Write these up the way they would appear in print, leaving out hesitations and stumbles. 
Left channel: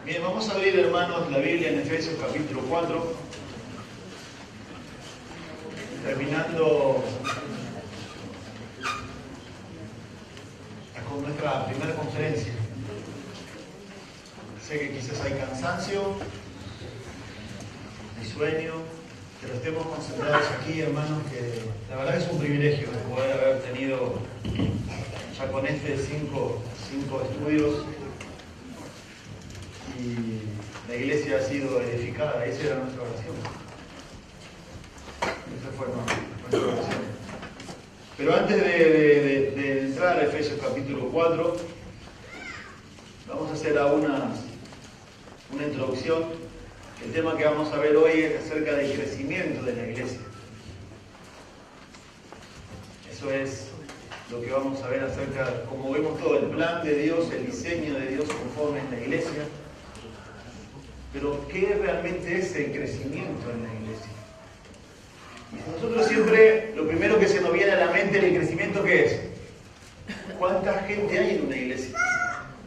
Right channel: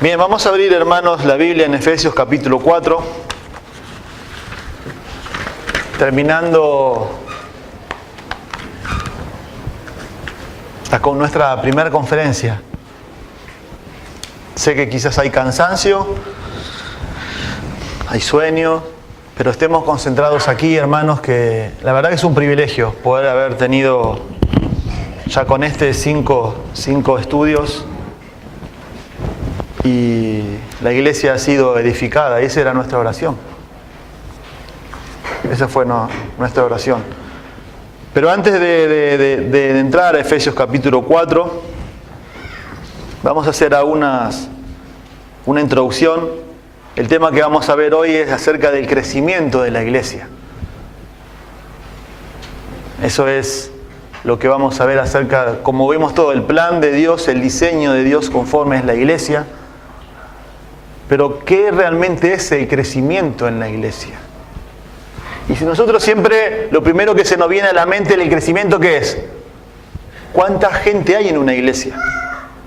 Bien, vamos a abrir, hermanos, la Biblia en Efesios capítulo 4. Terminando con nuestra primera conferencia. Sé que quizás hay cansancio, hay sueño, pero estemos concentrados aquí, hermanos, que la verdad que es un privilegio poder haber tenido ya con cinco estudios. Y la iglesia ha sido edificada, y esa era nuestra oración. Esa fue nuestra oración. Pero antes de entrar a Efesios capítulo 4, vamos a hacer una introducción. El tema que vamos a ver hoy es acerca del crecimiento de la iglesia. Eso es lo que vamos a ver acerca, como vemos todo, el plan de Dios, el diseño de Dios conforme es la iglesia. Pero ¿qué realmente es el crecimiento en la iglesia? Y si nosotros siempre, lo primero que se nos viene a la mente el crecimiento, ¿qué es? ¿Cuánta gente hay en una iglesia?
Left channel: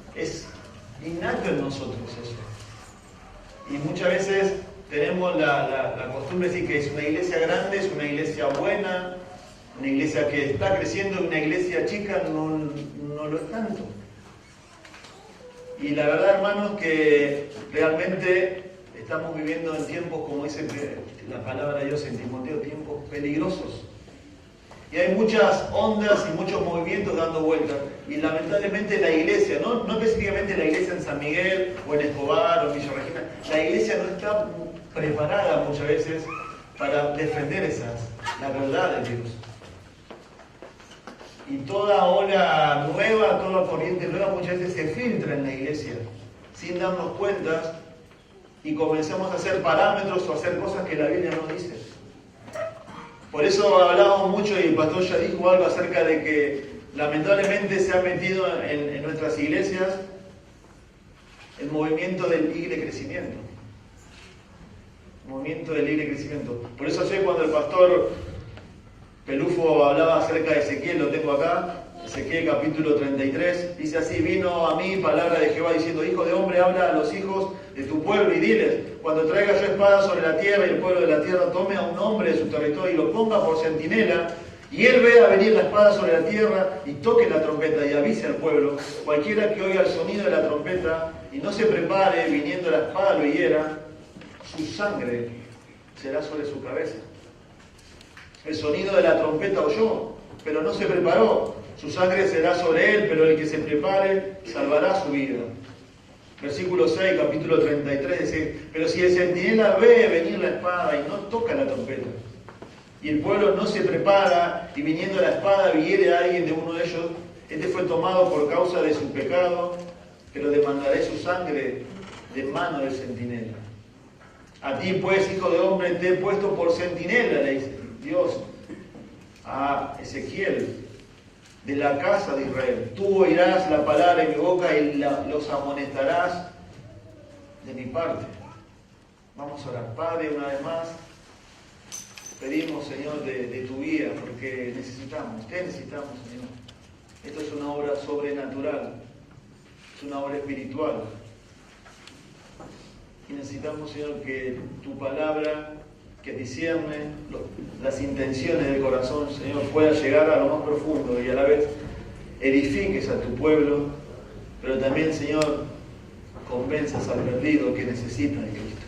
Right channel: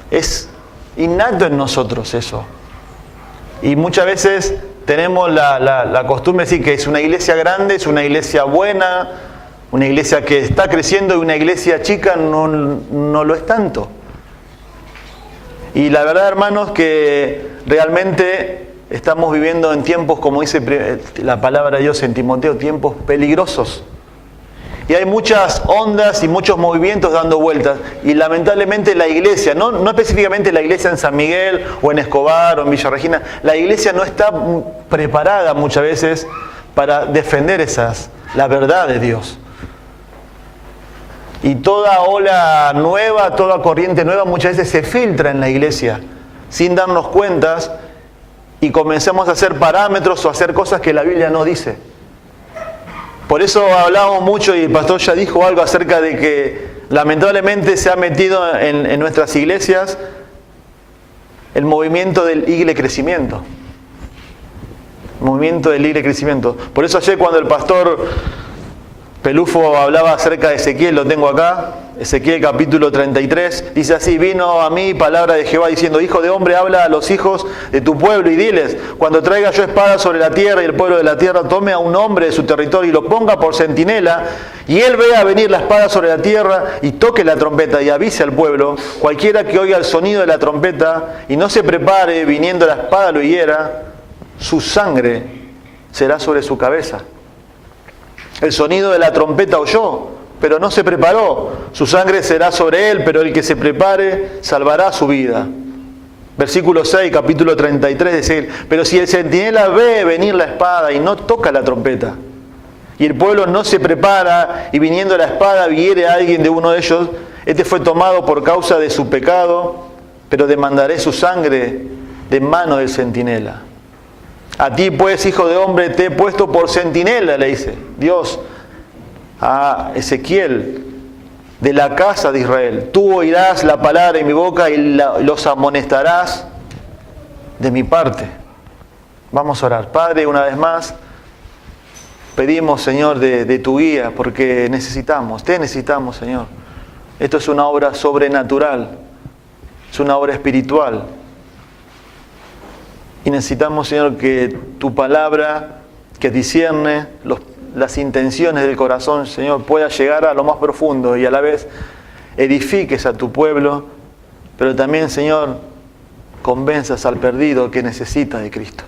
Es innato en nosotros eso. Y muchas veces tenemos la costumbre de decir que es una iglesia grande, es una iglesia buena, una iglesia que está creciendo, y una iglesia chica no lo es tanto. Y la verdad, hermanos, que realmente estamos viviendo en tiempos, como dice la palabra de Dios en Timoteo, tiempos peligrosos. Y hay muchas ondas y muchos movimientos dando vueltas. Y lamentablemente la iglesia, no específicamente la iglesia en San Miguel o en Escobar o en Villa Regina, la iglesia no está preparada muchas veces para defender la verdad de Dios. Y toda ola nueva, toda corriente nueva muchas veces se filtra en la iglesia sin darnos cuentas, y comencemos a hacer parámetros o a hacer cosas que la Biblia no dice. Por eso hablábamos mucho, y el pastor ya dijo algo acerca de que lamentablemente se ha metido en nuestras iglesias el movimiento del crecimiento. El movimiento del crecimiento. Por eso ayer cuando el pastor Pelufo hablaba acerca de Ezequiel, lo tengo acá, Ezequiel capítulo 33, dice así: vino a mí palabra de Jehová diciendo, hijo de hombre, habla a los hijos de tu pueblo y diles, cuando traiga yo espada sobre la tierra y el pueblo de la tierra tome a un hombre de su territorio y lo ponga por centinela, y él vea venir la espada sobre la tierra y toque la trompeta y avise al pueblo, cualquiera que oiga el sonido de la trompeta y no se prepare, viniendo la espada lo hiera, su sangre será sobre su cabeza. El sonido de la trompeta oyó, pero no se preparó. Su sangre será sobre él, pero el que se prepare salvará su vida. Versículo 6, capítulo 33, dice: pero si el centinela ve venir la espada y no toca la trompeta, y el pueblo no se prepara, y viniendo la espada hiere a alguien de uno de ellos, este fue tomado por causa de su pecado, pero demandaré su sangre de mano del centinela. A ti pues, hijo de hombre, te he puesto por centinela, le dice Dios a Ezequiel, de la casa de Israel. Tú oirás la palabra en mi boca y los amonestarás de mi parte. Vamos a orar. Padre, una vez más, pedimos, Señor, de tu guía, porque te necesitamos, Señor. Esto es una obra sobrenatural, es una obra espiritual. Y necesitamos, Señor, que tu palabra, que discierne las intenciones del corazón, Señor, pueda llegar a lo más profundo y a la vez edifiques a tu pueblo, pero también, Señor, convenzas al perdido que necesita de Cristo.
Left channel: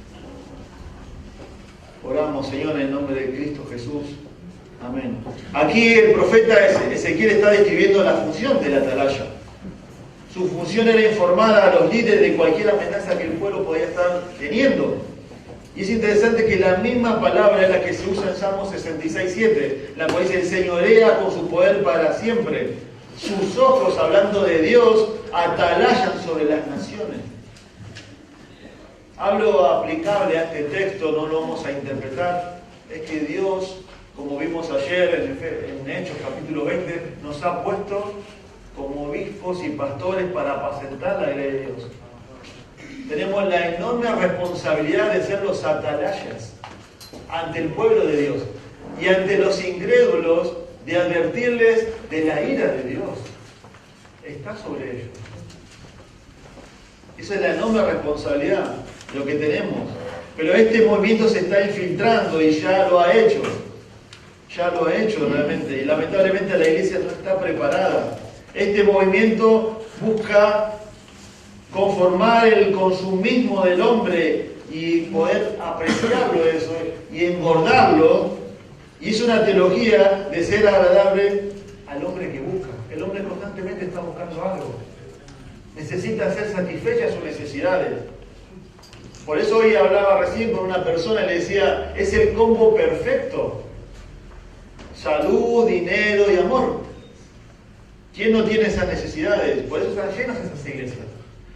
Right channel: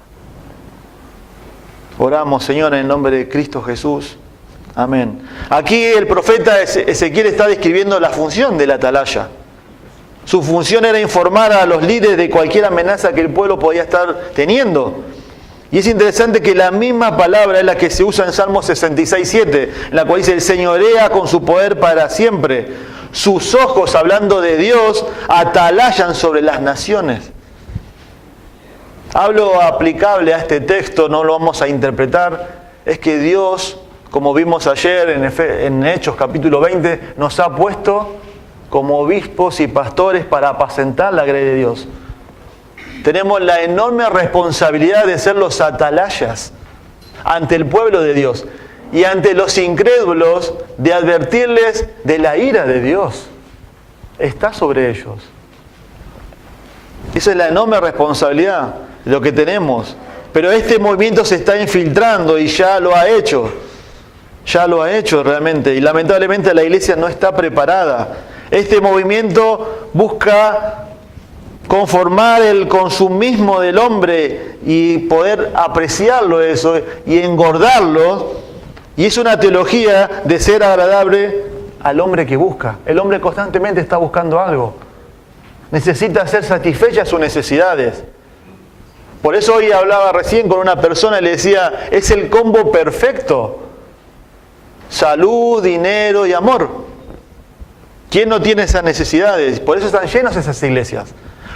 Oramos, Señor, en el nombre de Cristo Jesús. Amén. Aquí el profeta Ezequiel está describiendo la función de la atalaya. Su función era informar a los líderes de cualquier amenaza que el pueblo podía estar teniendo. Y es interesante que la misma palabra es la que se usa en Salmo 66:7, en la cual dice: el señorea con su poder para siempre. Sus ojos, hablando de Dios, atalayan sobre las naciones. Hablo aplicable a este texto, no lo vamos a interpretar, es que Dios, como vimos ayer en Hechos capítulo 20, nos ha puesto como obispos y pastores para apacentar la grey de Dios. Tenemos la enorme responsabilidad de ser los atalayas ante el pueblo de Dios y ante los incrédulos, de advertirles de la ira de Dios. Está sobre ellos. Esa es la enorme responsabilidad, lo que tenemos. Pero este movimiento se está infiltrando y ya lo ha hecho. Ya lo ha hecho realmente. Y lamentablemente la iglesia no está preparada. Este movimiento busca conformar el consumismo del hombre y poder apreciarlo eso y engordarlo. Y es una teología de ser agradable al hombre que busca. El hombre constantemente está buscando algo. Necesita ser satisfechas sus necesidades. Por eso hoy hablaba recién con una persona y le decía, es el combo perfecto. Salud, dinero y amor. ¿Quién no tiene esas necesidades? Por eso están llenas esas iglesias.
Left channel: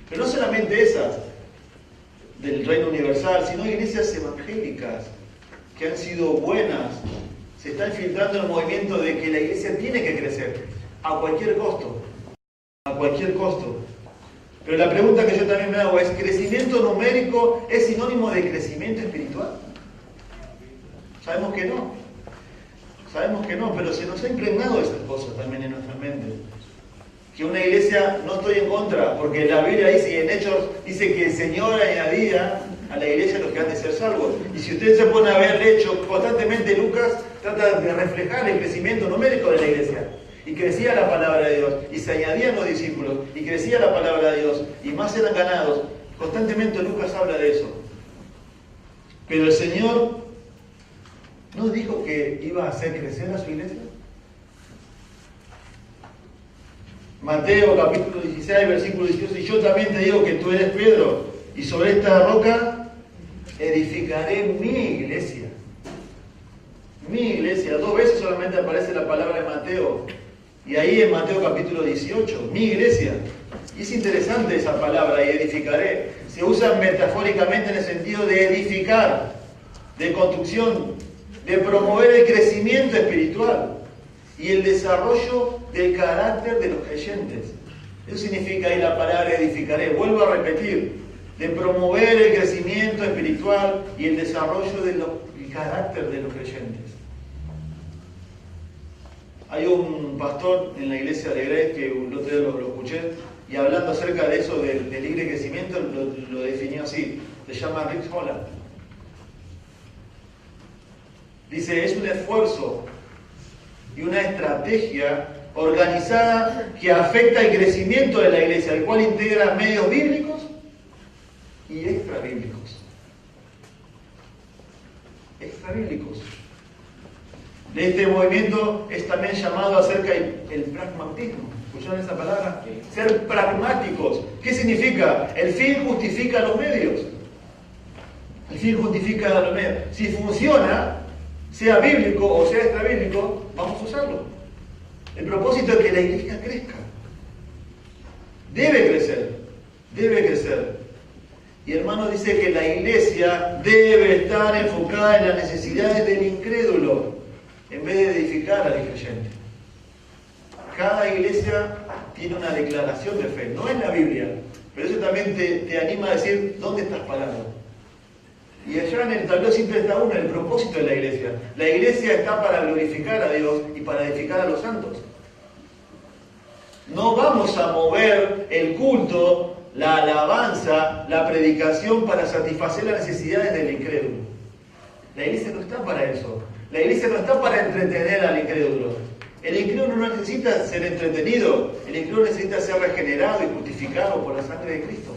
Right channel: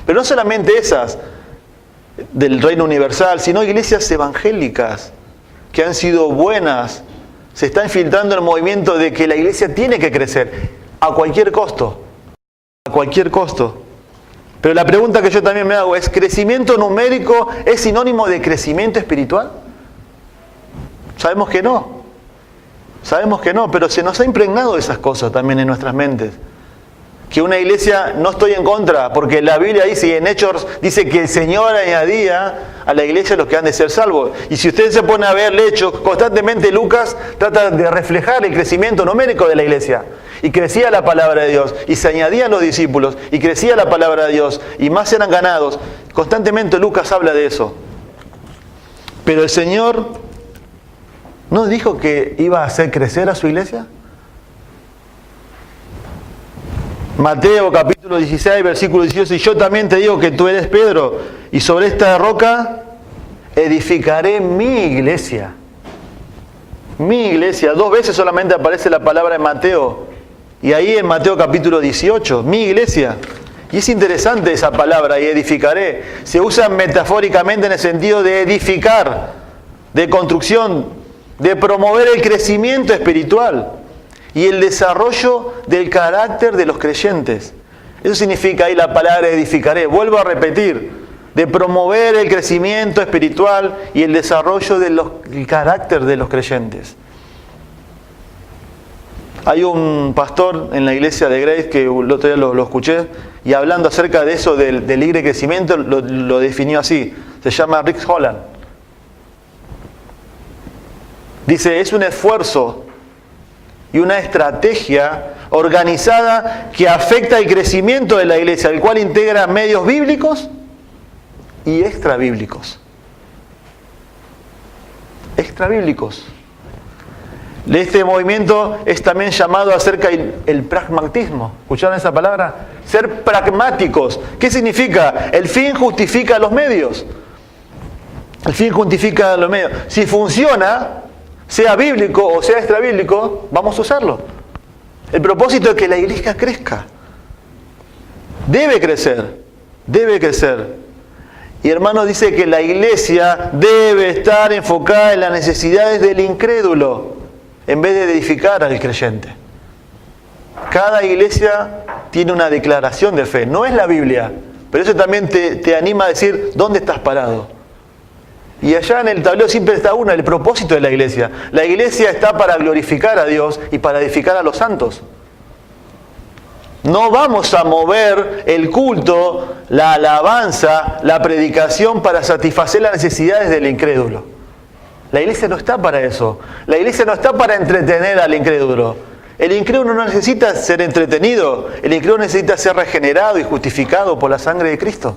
Pero no solamente esas del reino universal, sino iglesias evangélicas que han sido buenas. Se está infiltrando el movimiento de que la iglesia tiene que crecer a cualquier costo. A cualquier costo. Pero la pregunta que yo también me hago es, ¿crecimiento numérico es sinónimo de crecimiento espiritual? Sabemos que no. Sabemos que no, pero se nos ha impregnado esas cosas también en nuestras mentes. Que una iglesia, no estoy en contra, porque la Biblia dice, y en Hechos dice que el Señor añadía a la iglesia los que han de ser salvos. Y si usted se pone a ver Hechos, constantemente Lucas trata de reflejar el crecimiento numérico de la iglesia. Y crecía la palabra de Dios, y se añadían los discípulos, y crecía la palabra de Dios, y más eran ganados. Constantemente Lucas habla de eso. Pero el Señor ¿no dijo que iba a hacer crecer a su iglesia? Mateo capítulo 16, versículo 18, y yo también te digo que tú eres Pedro, y sobre esta roca edificaré mi iglesia. Mi iglesia. 2 veces solamente aparece la palabra en Mateo. Y ahí en Mateo capítulo 18, mi iglesia. Y es interesante esa palabra, y edificaré. Se usa metafóricamente en el sentido de edificar, de construcción, de promover el crecimiento espiritual y el desarrollo del carácter de los creyentes. Eso significa ahí la palabra edificaré. Vuelvo a repetir, de promover el crecimiento espiritual y el desarrollo del carácter de los creyentes. Hay un pastor en la iglesia de Grace que el otro día lo escuché, y hablando acerca de eso, del libre crecimiento, lo definió así. Se llama Rick Holland. Dice, es un esfuerzo y una estrategia organizada que afecta el crecimiento de la iglesia, el cual integra medios bíblicos y extrabíblicos. Extrabíblicos. Este movimiento es también llamado acerca del pragmatismo. ¿Escucharon esa palabra? Ser pragmáticos. ¿Qué significa? El fin justifica los medios. El fin justifica los medios. Si funciona, sea bíblico o sea extrabíblico, vamos a usarlo. El propósito es que la iglesia crezca. Debe crecer. Debe crecer. Y hermano, dice que la iglesia debe estar enfocada en las necesidades del incrédulo, en vez de edificar al creyente. Cada iglesia tiene una declaración de fe. No es la Biblia, pero eso también te anima a decir dónde estás parado. Y allá en el tablero siempre está el propósito de la iglesia. La iglesia está para glorificar a Dios y para edificar a los santos. No vamos a mover el culto, la alabanza, la predicación para satisfacer las necesidades del incrédulo. La iglesia no está para eso. La iglesia no está para entretener al incrédulo. El incrédulo no necesita ser entretenido. El incrédulo necesita ser regenerado y justificado por la sangre de Cristo.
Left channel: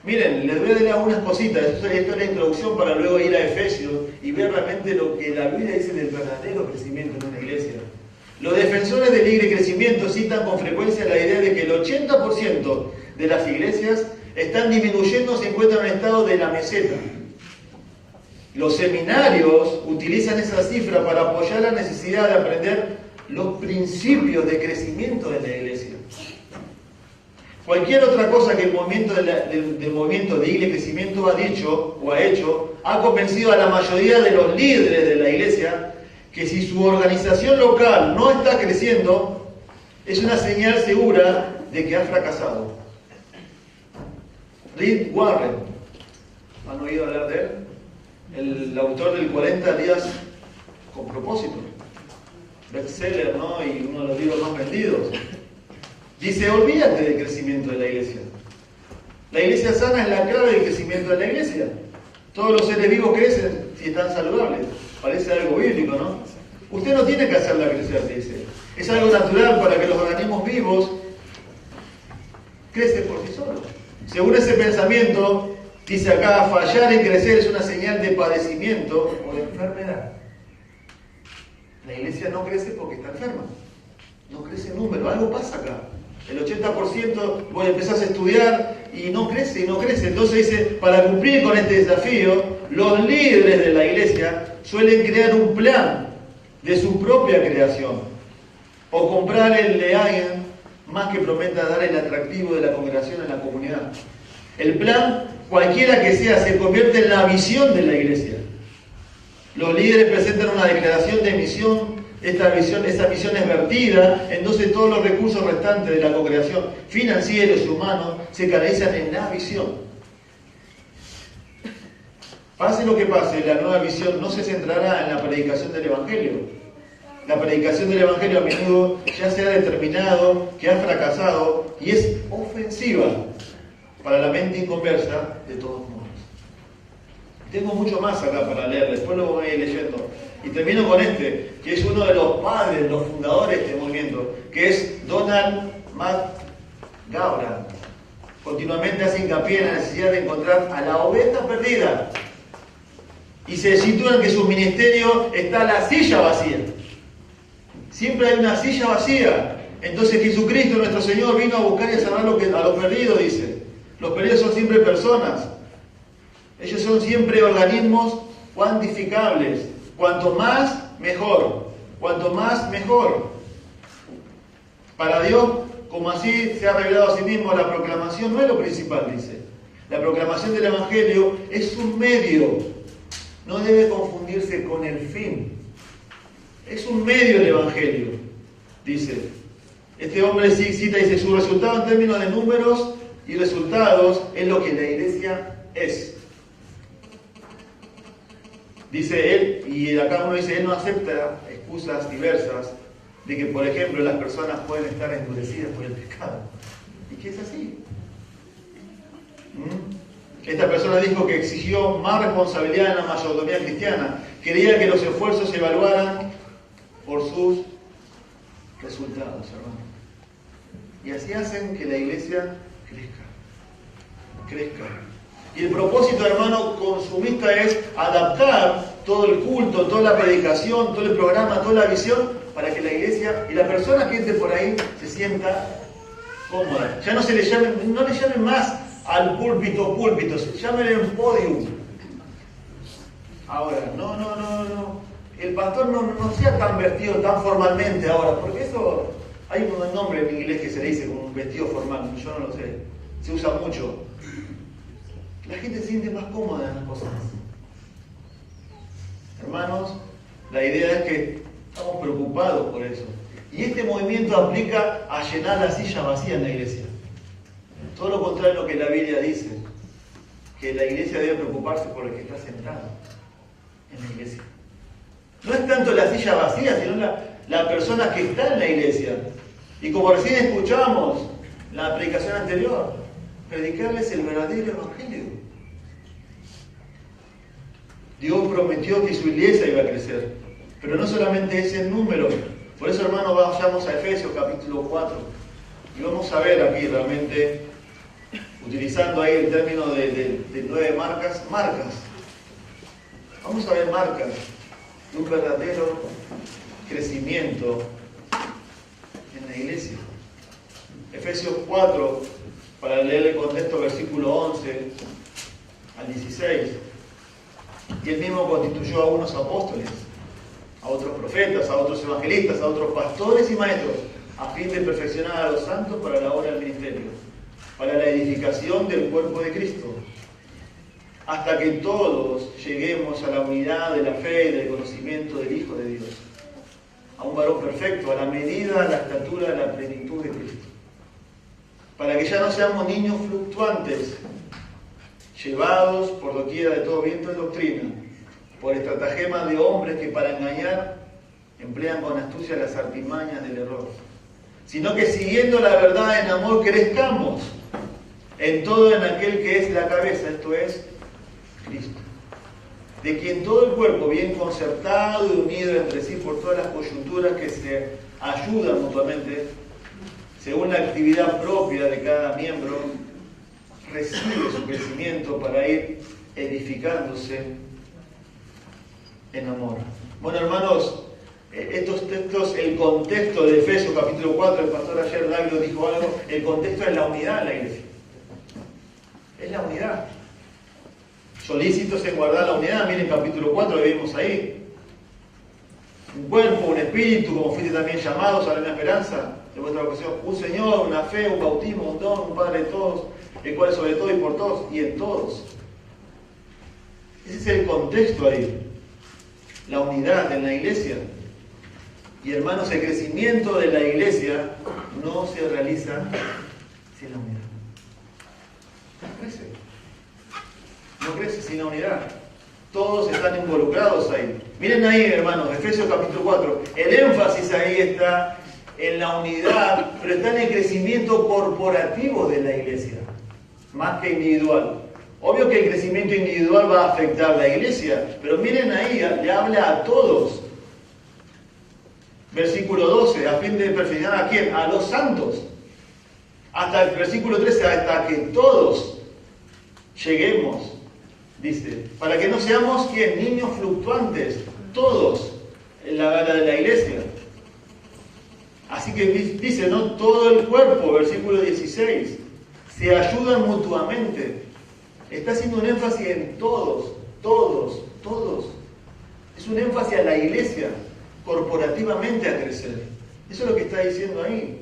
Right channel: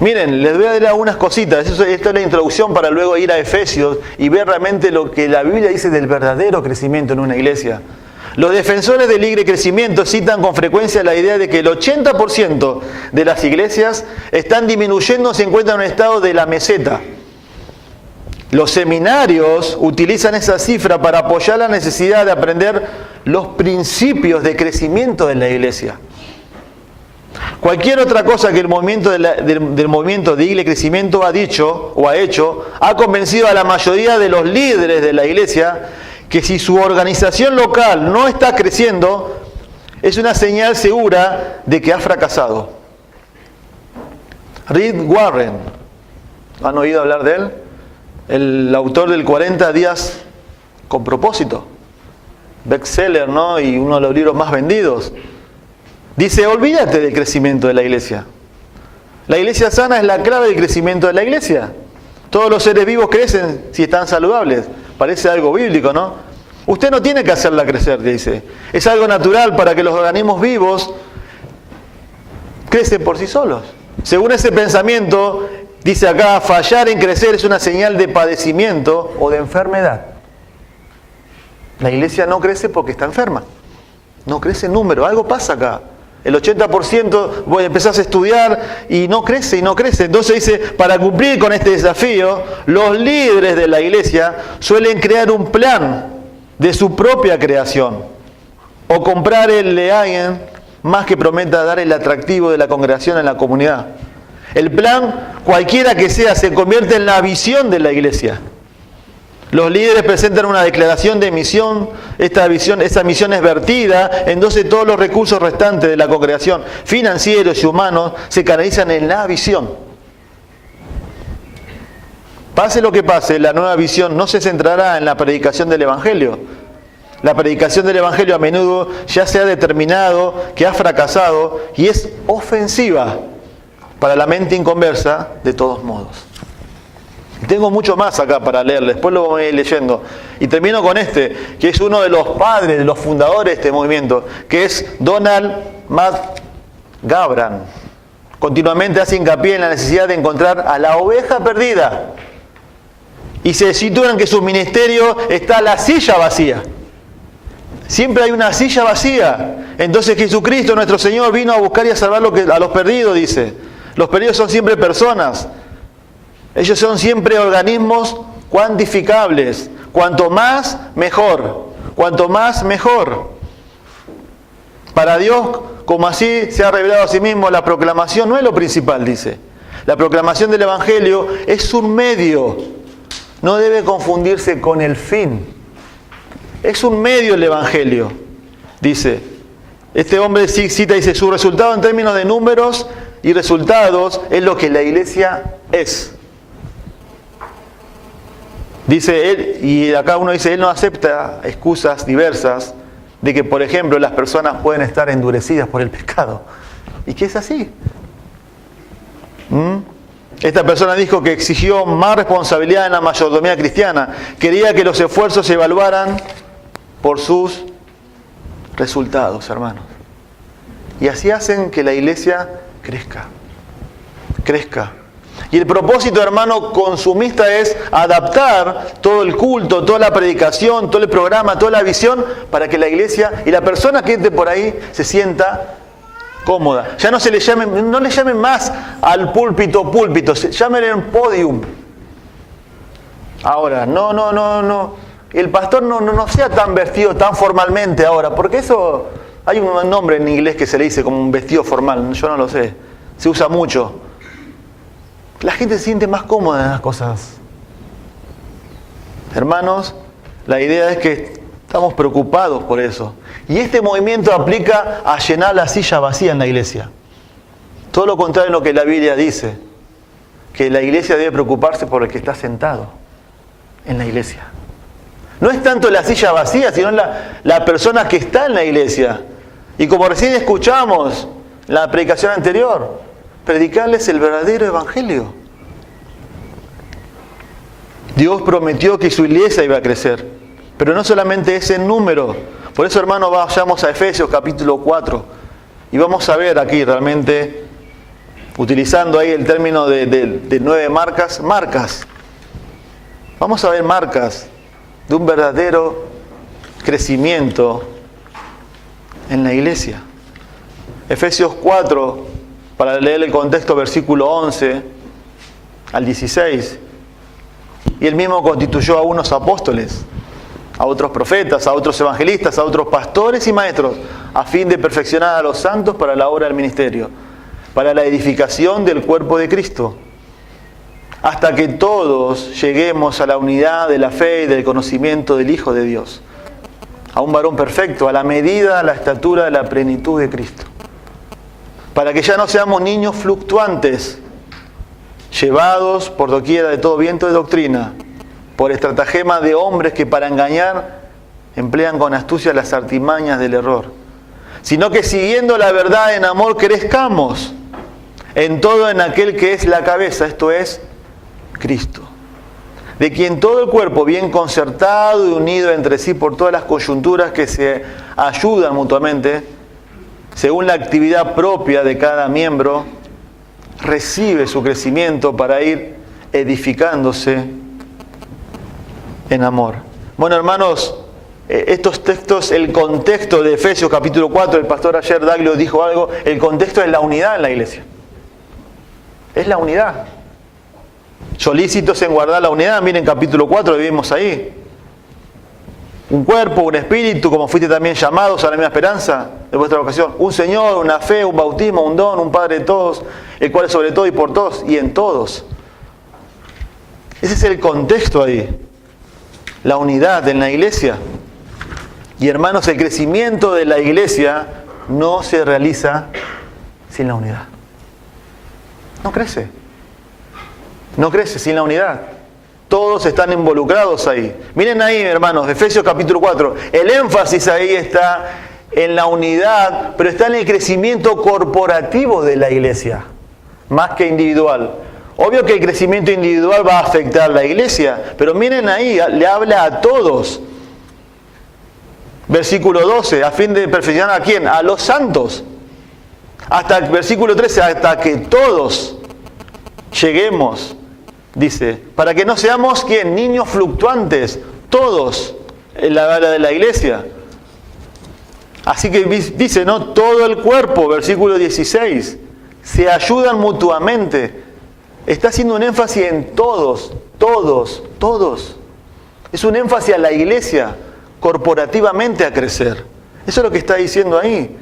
Miren, les voy a dar algunas cositas. Esta es la introducción para luego ir a Efesios y ver realmente lo que la Biblia dice del verdadero crecimiento en una iglesia. Los defensores del libre crecimiento citan con frecuencia la idea de que el 80% de las iglesias están disminuyendo, se encuentran en un estado de la meseta. Los seminarios utilizan esa cifra para apoyar la necesidad de aprender los principios de crecimiento de la iglesia. Cualquier otra cosa que el movimiento del movimiento de iglesia crecimiento ha dicho o ha hecho, ha convencido a la mayoría de los líderes de la iglesia que si su organización local no está creciendo, es una señal segura de que ha fracasado. Rick Warren, ¿han oído hablar de él? El autor del 40 días con propósito, bestseller, ¿no? Y uno de los libros más vendidos. Dice, olvídate del crecimiento de la iglesia. La iglesia sana es la clave del crecimiento de la iglesia. Todos los seres vivos crecen si están saludables. Parece algo bíblico, ¿no? Usted no tiene que hacerla crecer, dice. Es algo natural para que los organismos vivos crecen por sí solos. Según ese pensamiento, dice acá, fallar en crecer es una señal de padecimiento o de enfermedad. La iglesia no crece porque está enferma. No crece en número, algo pasa acá. El 80% vos empezás a estudiar y no crece y no crece. Entonces dice, para cumplir con este desafío, los líderes de la iglesia suelen crear un plan de su propia creación o comprar el de alguien más que prometa dar el atractivo de la congregación en la comunidad. El plan, cualquiera que sea, se convierte en la visión de la iglesia. Los líderes presentan una declaración de misión. Esa misión es vertida, entonces todos los recursos restantes de la congregación, financieros y humanos, se canalizan en la visión. Pase lo que pase, la nueva visión no se centrará en la predicación del Evangelio. La predicación del Evangelio a menudo ya se ha determinado que ha fracasado y es ofensiva para la mente inconversa de todos modos. Tengo mucho más acá para leer, después lo voy a ir leyendo. Y termino con este, que es uno de los padres, de los fundadores de este movimiento, que es Donald McGavran. Continuamente hace hincapié en la necesidad de encontrar a la oveja perdida. Y se sitúa en que su ministerio está la silla vacía. Siempre hay una silla vacía. Entonces Jesucristo, nuestro Señor, vino a buscar y a salvar a los perdidos, dice. Los perdidos son siempre personas. Ellos son siempre organismos cuantificables. Cuanto más, mejor. Cuanto más, mejor. Para Dios, como así se ha revelado a sí mismo, la proclamación no es lo principal, dice. La proclamación del Evangelio es un medio. No debe confundirse con el fin. Es un medio el Evangelio, dice. Este hombre cita, dice, su resultado en términos de números y resultados es lo que la iglesia es. Dice él, y acá uno dice, él no acepta excusas diversas de que, por ejemplo, las personas pueden estar endurecidas por el pecado. ¿Y qué es así? Esta persona dijo que exigió más responsabilidad en la mayordomía cristiana. Quería que los esfuerzos se evaluaran por sus resultados, hermanos. Y así hacen que la iglesia crezca. Crezca. Y el propósito, hermano, consumista es adaptar todo el culto, toda la predicación, todo el programa, toda la visión, para que la iglesia y la persona que entre por ahí se sienta cómoda. Ya no le llamen más al púlpito, llámenle un podium. Ahora, no. El pastor no sea tan vestido tan formalmente ahora, porque eso, hay un nombre en inglés que se le dice como un vestido formal, yo no lo sé, se usa mucho. La gente se siente más cómoda en las cosas. Hermanos, la idea es que estamos preocupados por eso. Y este movimiento aplica a llenar la silla vacía en la iglesia. Todo lo contrario de lo que la Biblia dice, que la iglesia debe preocuparse por el que está sentado en la iglesia. No es tanto la silla vacía, sino la persona que está en la iglesia. Y como recién escuchamos en la predicación anterior, predicarles el verdadero evangelio. Dios prometió que su iglesia iba a crecer, pero no solamente ese número. Por eso, hermanos, vayamos a Efesios capítulo 4 y vamos a ver aquí realmente, utilizando ahí el término de 9 marcas. Vamos a ver marcas de un verdadero crecimiento en la iglesia. Efesios 4, para leer el contexto, versículo 11 al 16. Y él mismo constituyó a unos apóstoles, a otros profetas, a otros evangelistas, a otros pastores y maestros, a fin de perfeccionar a los santos para la obra del ministerio, para la edificación del cuerpo de Cristo, hasta que todos lleguemos a la unidad de la fe y del conocimiento del Hijo de Dios, a un varón perfecto, a la medida, a la estatura de la plenitud de Cristo. Para que ya no seamos niños fluctuantes, llevados por doquiera de todo viento de doctrina, por estratagema de hombres que para engañar emplean con astucia las artimañas del error. sino que siguiendo la verdad en amor crezcamos en todo en aquel que es la cabeza, esto es Cristo, de quien todo el cuerpo, bien concertado y unido entre sí por todas las coyunturas que se ayudan mutuamente, según la actividad propia de cada miembro, recibe su crecimiento para ir edificándose en amor. Bueno, hermanos, estos textos, el contexto de Efesios capítulo 4, el pastor ayer Daglio dijo algo, el contexto es la unidad en la iglesia. Es la unidad. Solícitos en guardar la unidad, miren capítulo 4, lo vimos ahí. Un cuerpo, un espíritu, como fuiste también llamados a la misma esperanza de vuestra vocación. Un Señor, una fe, un bautismo, un don, un Padre de todos, el cual es sobre todo y por todos y en todos. Ese es el contexto ahí. La unidad en la iglesia. Y hermanos, el crecimiento de la iglesia no se realiza sin la unidad. No crece. No crece sin la unidad. Todos están involucrados ahí. Miren ahí, hermanos, Efesios capítulo 4. El énfasis ahí está en la unidad, pero está en el crecimiento corporativo de la iglesia, más que individual. Obvio que el crecimiento individual va a afectar a la iglesia, pero miren ahí, le habla a todos. Versículo 12, a fin de perfeccionar ¿a quién? A los santos. Hasta el versículo 13, hasta que todos lleguemos, dice, para que no seamos ¿quién? Niños fluctuantes, todos en la gala de la iglesia. Así que dice, ¿no? Todo el cuerpo, versículo 16, se ayudan mutuamente. Está haciendo un énfasis en todos, todos, todos. Es un énfasis a la iglesia, corporativamente a crecer. Eso es lo que está diciendo ahí.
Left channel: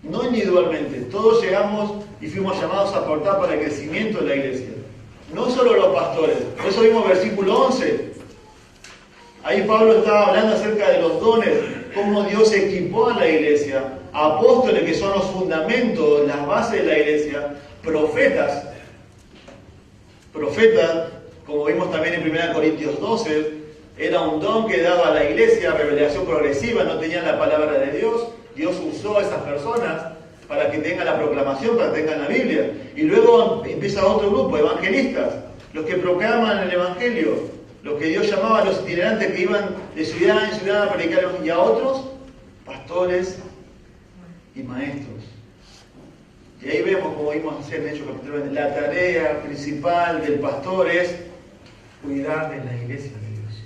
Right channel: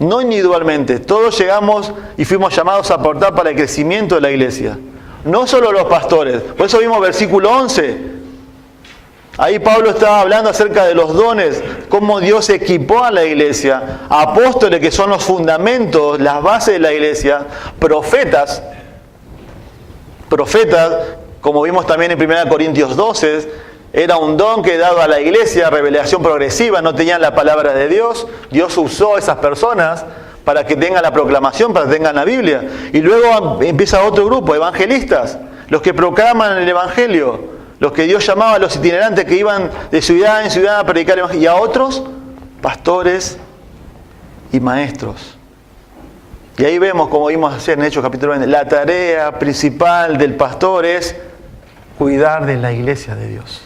No individualmente. Todos llegamos y fuimos llamados a aportar para el crecimiento de la iglesia. No solo los pastores. Por eso vimos versículo 11. Ahí Pablo estaba hablando acerca de los dones, cómo Dios equipó a la iglesia. Apóstoles, que son los fundamentos, las bases de la iglesia. Profetas, como vimos también en 1 Corintios 12, era un don que daba a la iglesia, revelación progresiva, no tenían la palabra de Dios. Dios usó a esas personas para que tengan la proclamación, para que tengan la Biblia. Y luego empieza otro grupo, evangelistas, los que proclaman el evangelio, los que Dios llamaba a los itinerantes que iban de ciudad en ciudad a predicar el evangelio. Y a otros, pastores y maestros. Y ahí vemos, como vimos ayer en Hechos capítulo 20, la tarea principal del pastor es cuidar de la iglesia de Dios.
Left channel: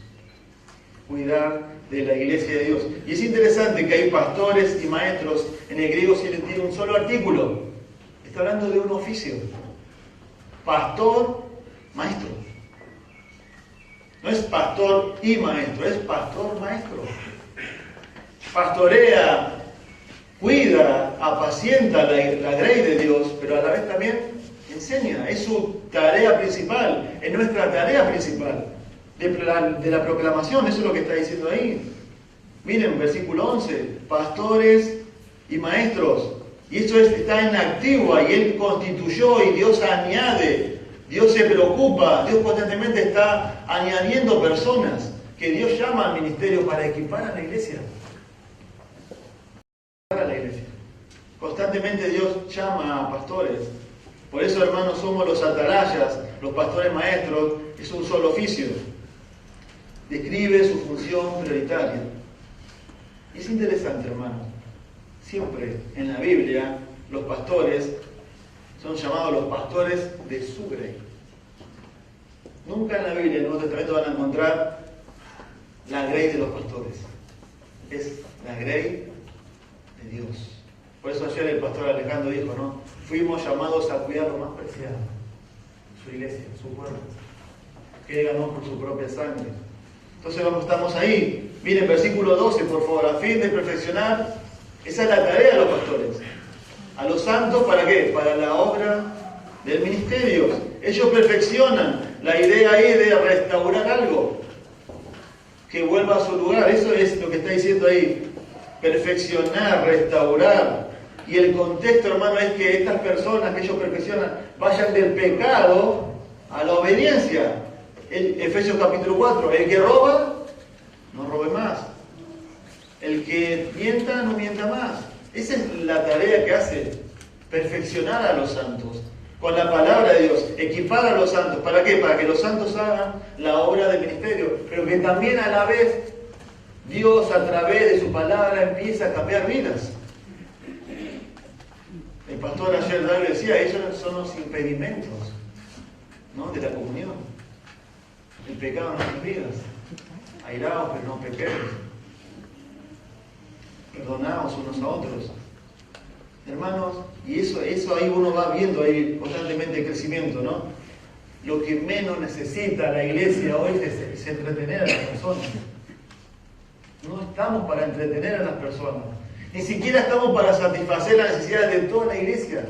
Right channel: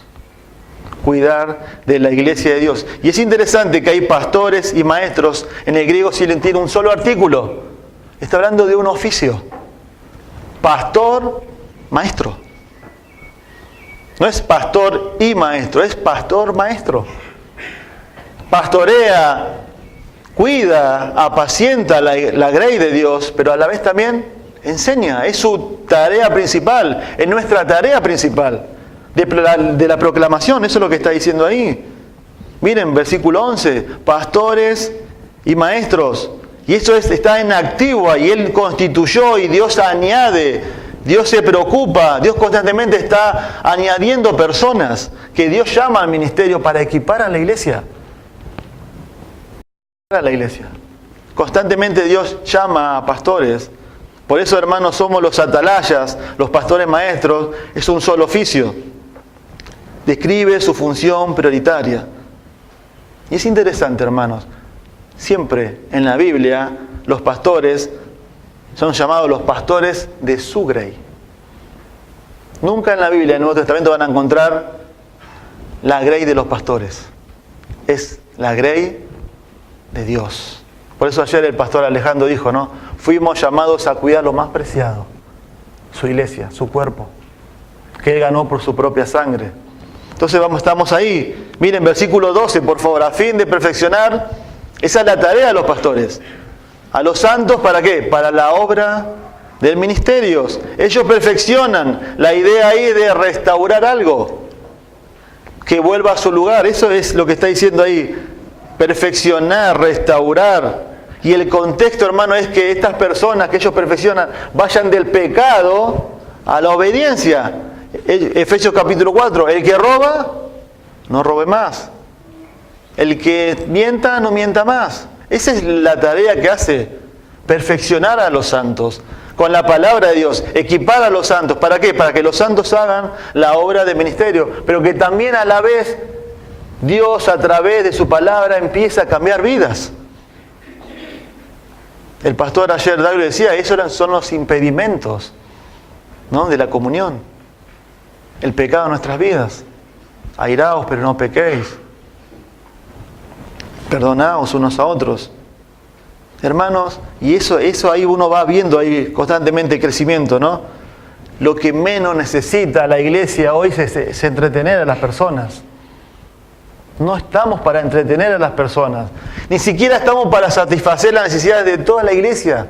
Cuidar de la iglesia de Dios. Y es interesante que hay pastores y maestros, en el griego si tiene un solo artículo. Está hablando de un oficio. Pastor, maestro. No es pastor y maestro, es pastor, maestro. Pastorea, cuida, apacienta la grey de Dios, pero a la vez también enseña. Es su tarea principal, es nuestra tarea principal de la proclamación. Eso es lo que está diciendo ahí. Miren, versículo 11, pastores y maestros. Y eso está en activo ahí. Él constituyó y Dios añade. Dios se preocupa. Dios constantemente está añadiendo personas que Dios llama al ministerio para equipar a la iglesia. A la iglesia. Constantemente Dios llama a pastores. Por eso, hermanos, somos los atalayas, los pastores maestros. Es un solo oficio. Describe su función prioritaria. Y es interesante, hermanos. Siempre en la Biblia los pastores son llamados los pastores de su grey. Nunca en la Biblia, en el Nuevo Testamento, van a encontrar la grey de los pastores. Es la grey de Dios. Por eso ayer el pastor Alejandro dijo, ¿no? Fuimos llamados a cuidar lo más preciado, su iglesia, su cuerpo, que Él ganó por su propia sangre. Entonces estamos ahí. Miren, versículo 12, por favor, a fin de perfeccionar, esa es la tarea de los pastores. A los santos, ¿para qué? Para la obra del ministerio. Ellos perfeccionan la idea ahí de restaurar algo, que vuelva a su lugar. Eso es lo que está diciendo ahí. Perfeccionar, restaurar. Y el contexto, hermano, es que estas personas que ellos perfeccionan vayan del pecado a la obediencia. Efesios capítulo 4, el que roba, no robe más. El que mienta, no mienta más. Esa es la tarea que hace, perfeccionar a los santos con la palabra de Dios, equipar a los santos. ¿Para qué? Para que los santos hagan la obra del ministerio, pero que también a la vez Dios a través de su palabra empieza a cambiar vidas. El pastor ayer David decía, esos son los impedimentos, ¿no?, de la comunión. El pecado en nuestras vidas. Airaos, pero no pequéis. Perdonaos unos a otros. Hermanos, y eso ahí uno va viendo ahí constantemente el crecimiento, ¿no? Lo que menos necesita la iglesia hoy es entretener a las personas. No estamos para entretener a las personas. Ni siquiera estamos para satisfacer las necesidades de toda la iglesia.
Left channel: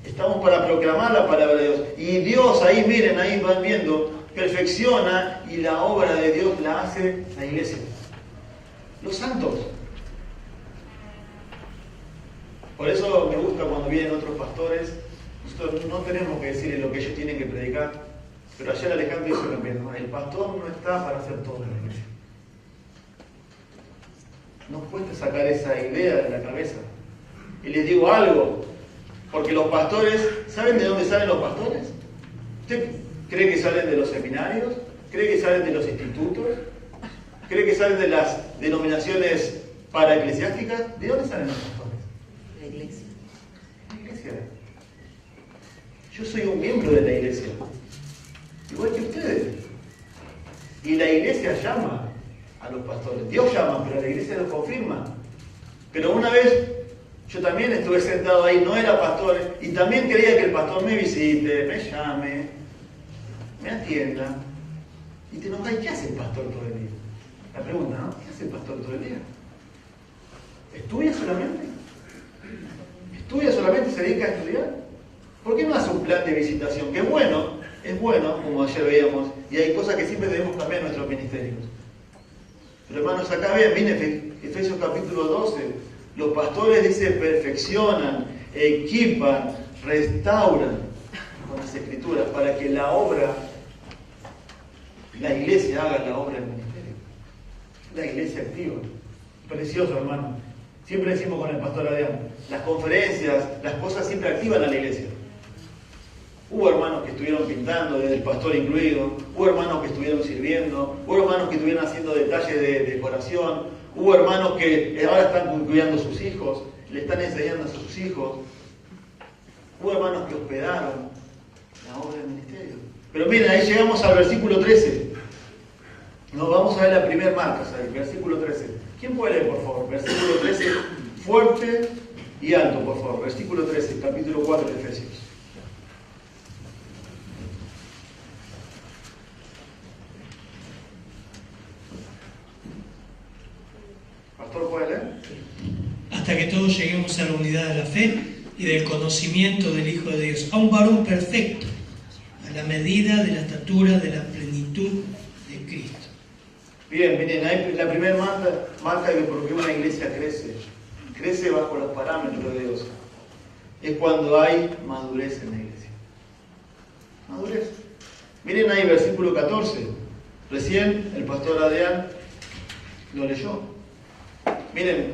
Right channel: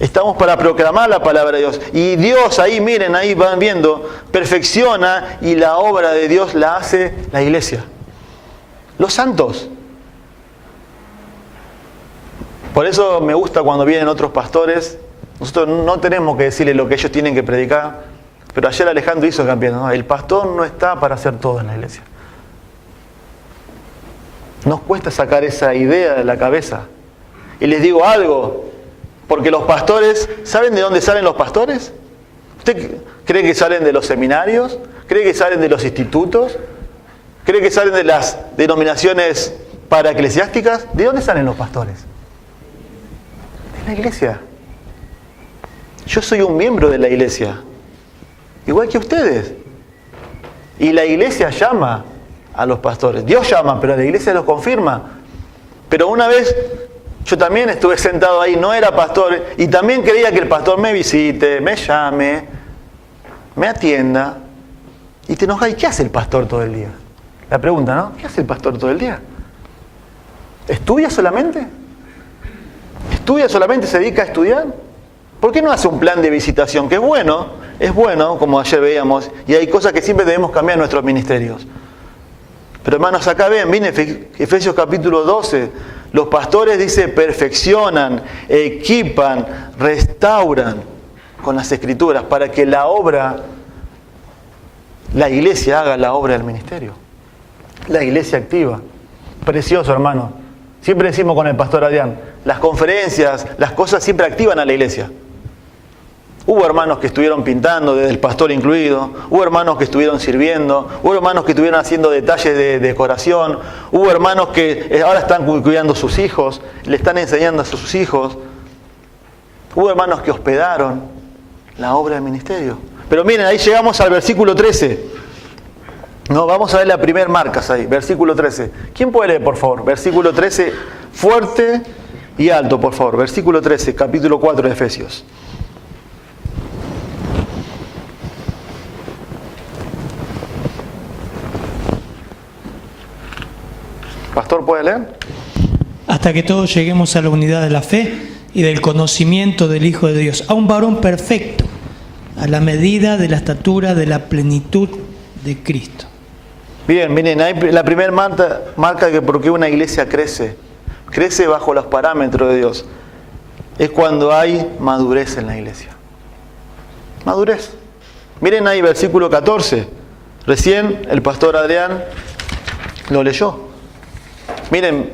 Estamos para proclamar la palabra de Dios. Y Dios ahí, miren, ahí van viendo, perfecciona, y la obra de Dios la hace la iglesia. Los santos. Por eso me gusta cuando vienen otros pastores. Nosotros no tenemos que decirles lo que ellos tienen que predicar. Pero ayer Alejandro hizo campeón, ¿no? El pastor no está para hacer todo en la iglesia. Nos cuesta sacar esa idea de la cabeza. Y les digo algo, porque los pastores, ¿saben de dónde salen los pastores? ¿Usted cree que salen de los seminarios? ¿Cree que salen de los institutos? ¿Cree que salen de las denominaciones paraeclesiásticas? ¿De dónde salen los pastores? De la iglesia. Yo soy un miembro de la iglesia, igual que ustedes. Y la iglesia llama a los pastores. Dios llama, pero la iglesia los confirma. Pero una vez yo también estuve sentado ahí, no era pastor, y también quería que el pastor me visite, me llame, me atienda. Y te enojas, ¿y qué hace el pastor todo el día? La pregunta, ¿no? ¿Qué hace el pastor todo el día? ¿Estudia solamente? ¿Estudia solamente? ¿Se dedica a estudiar? ¿Por qué no hace un plan de visitación? Que es bueno, como ayer veíamos, y hay cosas que siempre debemos cambiar en nuestros ministerios. Pero hermanos, acá ven Efesios capítulo 12, los pastores, dice, perfeccionan, equipan, restauran con las escrituras para que la iglesia haga la obra del ministerio. La iglesia activa. Precioso, hermano. Siempre decimos con el pastor Adrián, las conferencias, las cosas siempre activan a la iglesia. Hubo hermanos que estuvieron pintando, desde el pastor incluido. Hubo hermanos que estuvieron sirviendo. Hubo hermanos que estuvieron haciendo detalles de decoración. Hubo hermanos que ahora están cuidando a sus hijos, le están enseñando a sus hijos. Hubo hermanos que hospedaron la obra del ministerio. Pero miren, ahí llegamos al versículo 13. No, vamos a ver la primer marca ahí, versículo 13. ¿Quién puede leer, por favor? Versículo 13, fuerte y alto, por favor. Versículo 13, capítulo 4 de Efesios. Pastor, ¿puede leer? Hasta que todos lleguemos a la unidad de la fe y del conocimiento del Hijo de Dios, a un varón perfecto, a la medida de la estatura de la plenitud de Cristo. Bien, miren, ahí la primera marca que porque una iglesia crece bajo los parámetros de Dios, es cuando hay madurez en la iglesia. Madurez. Miren ahí versículo 14. Recién el pastor Adrián lo leyó. Miren,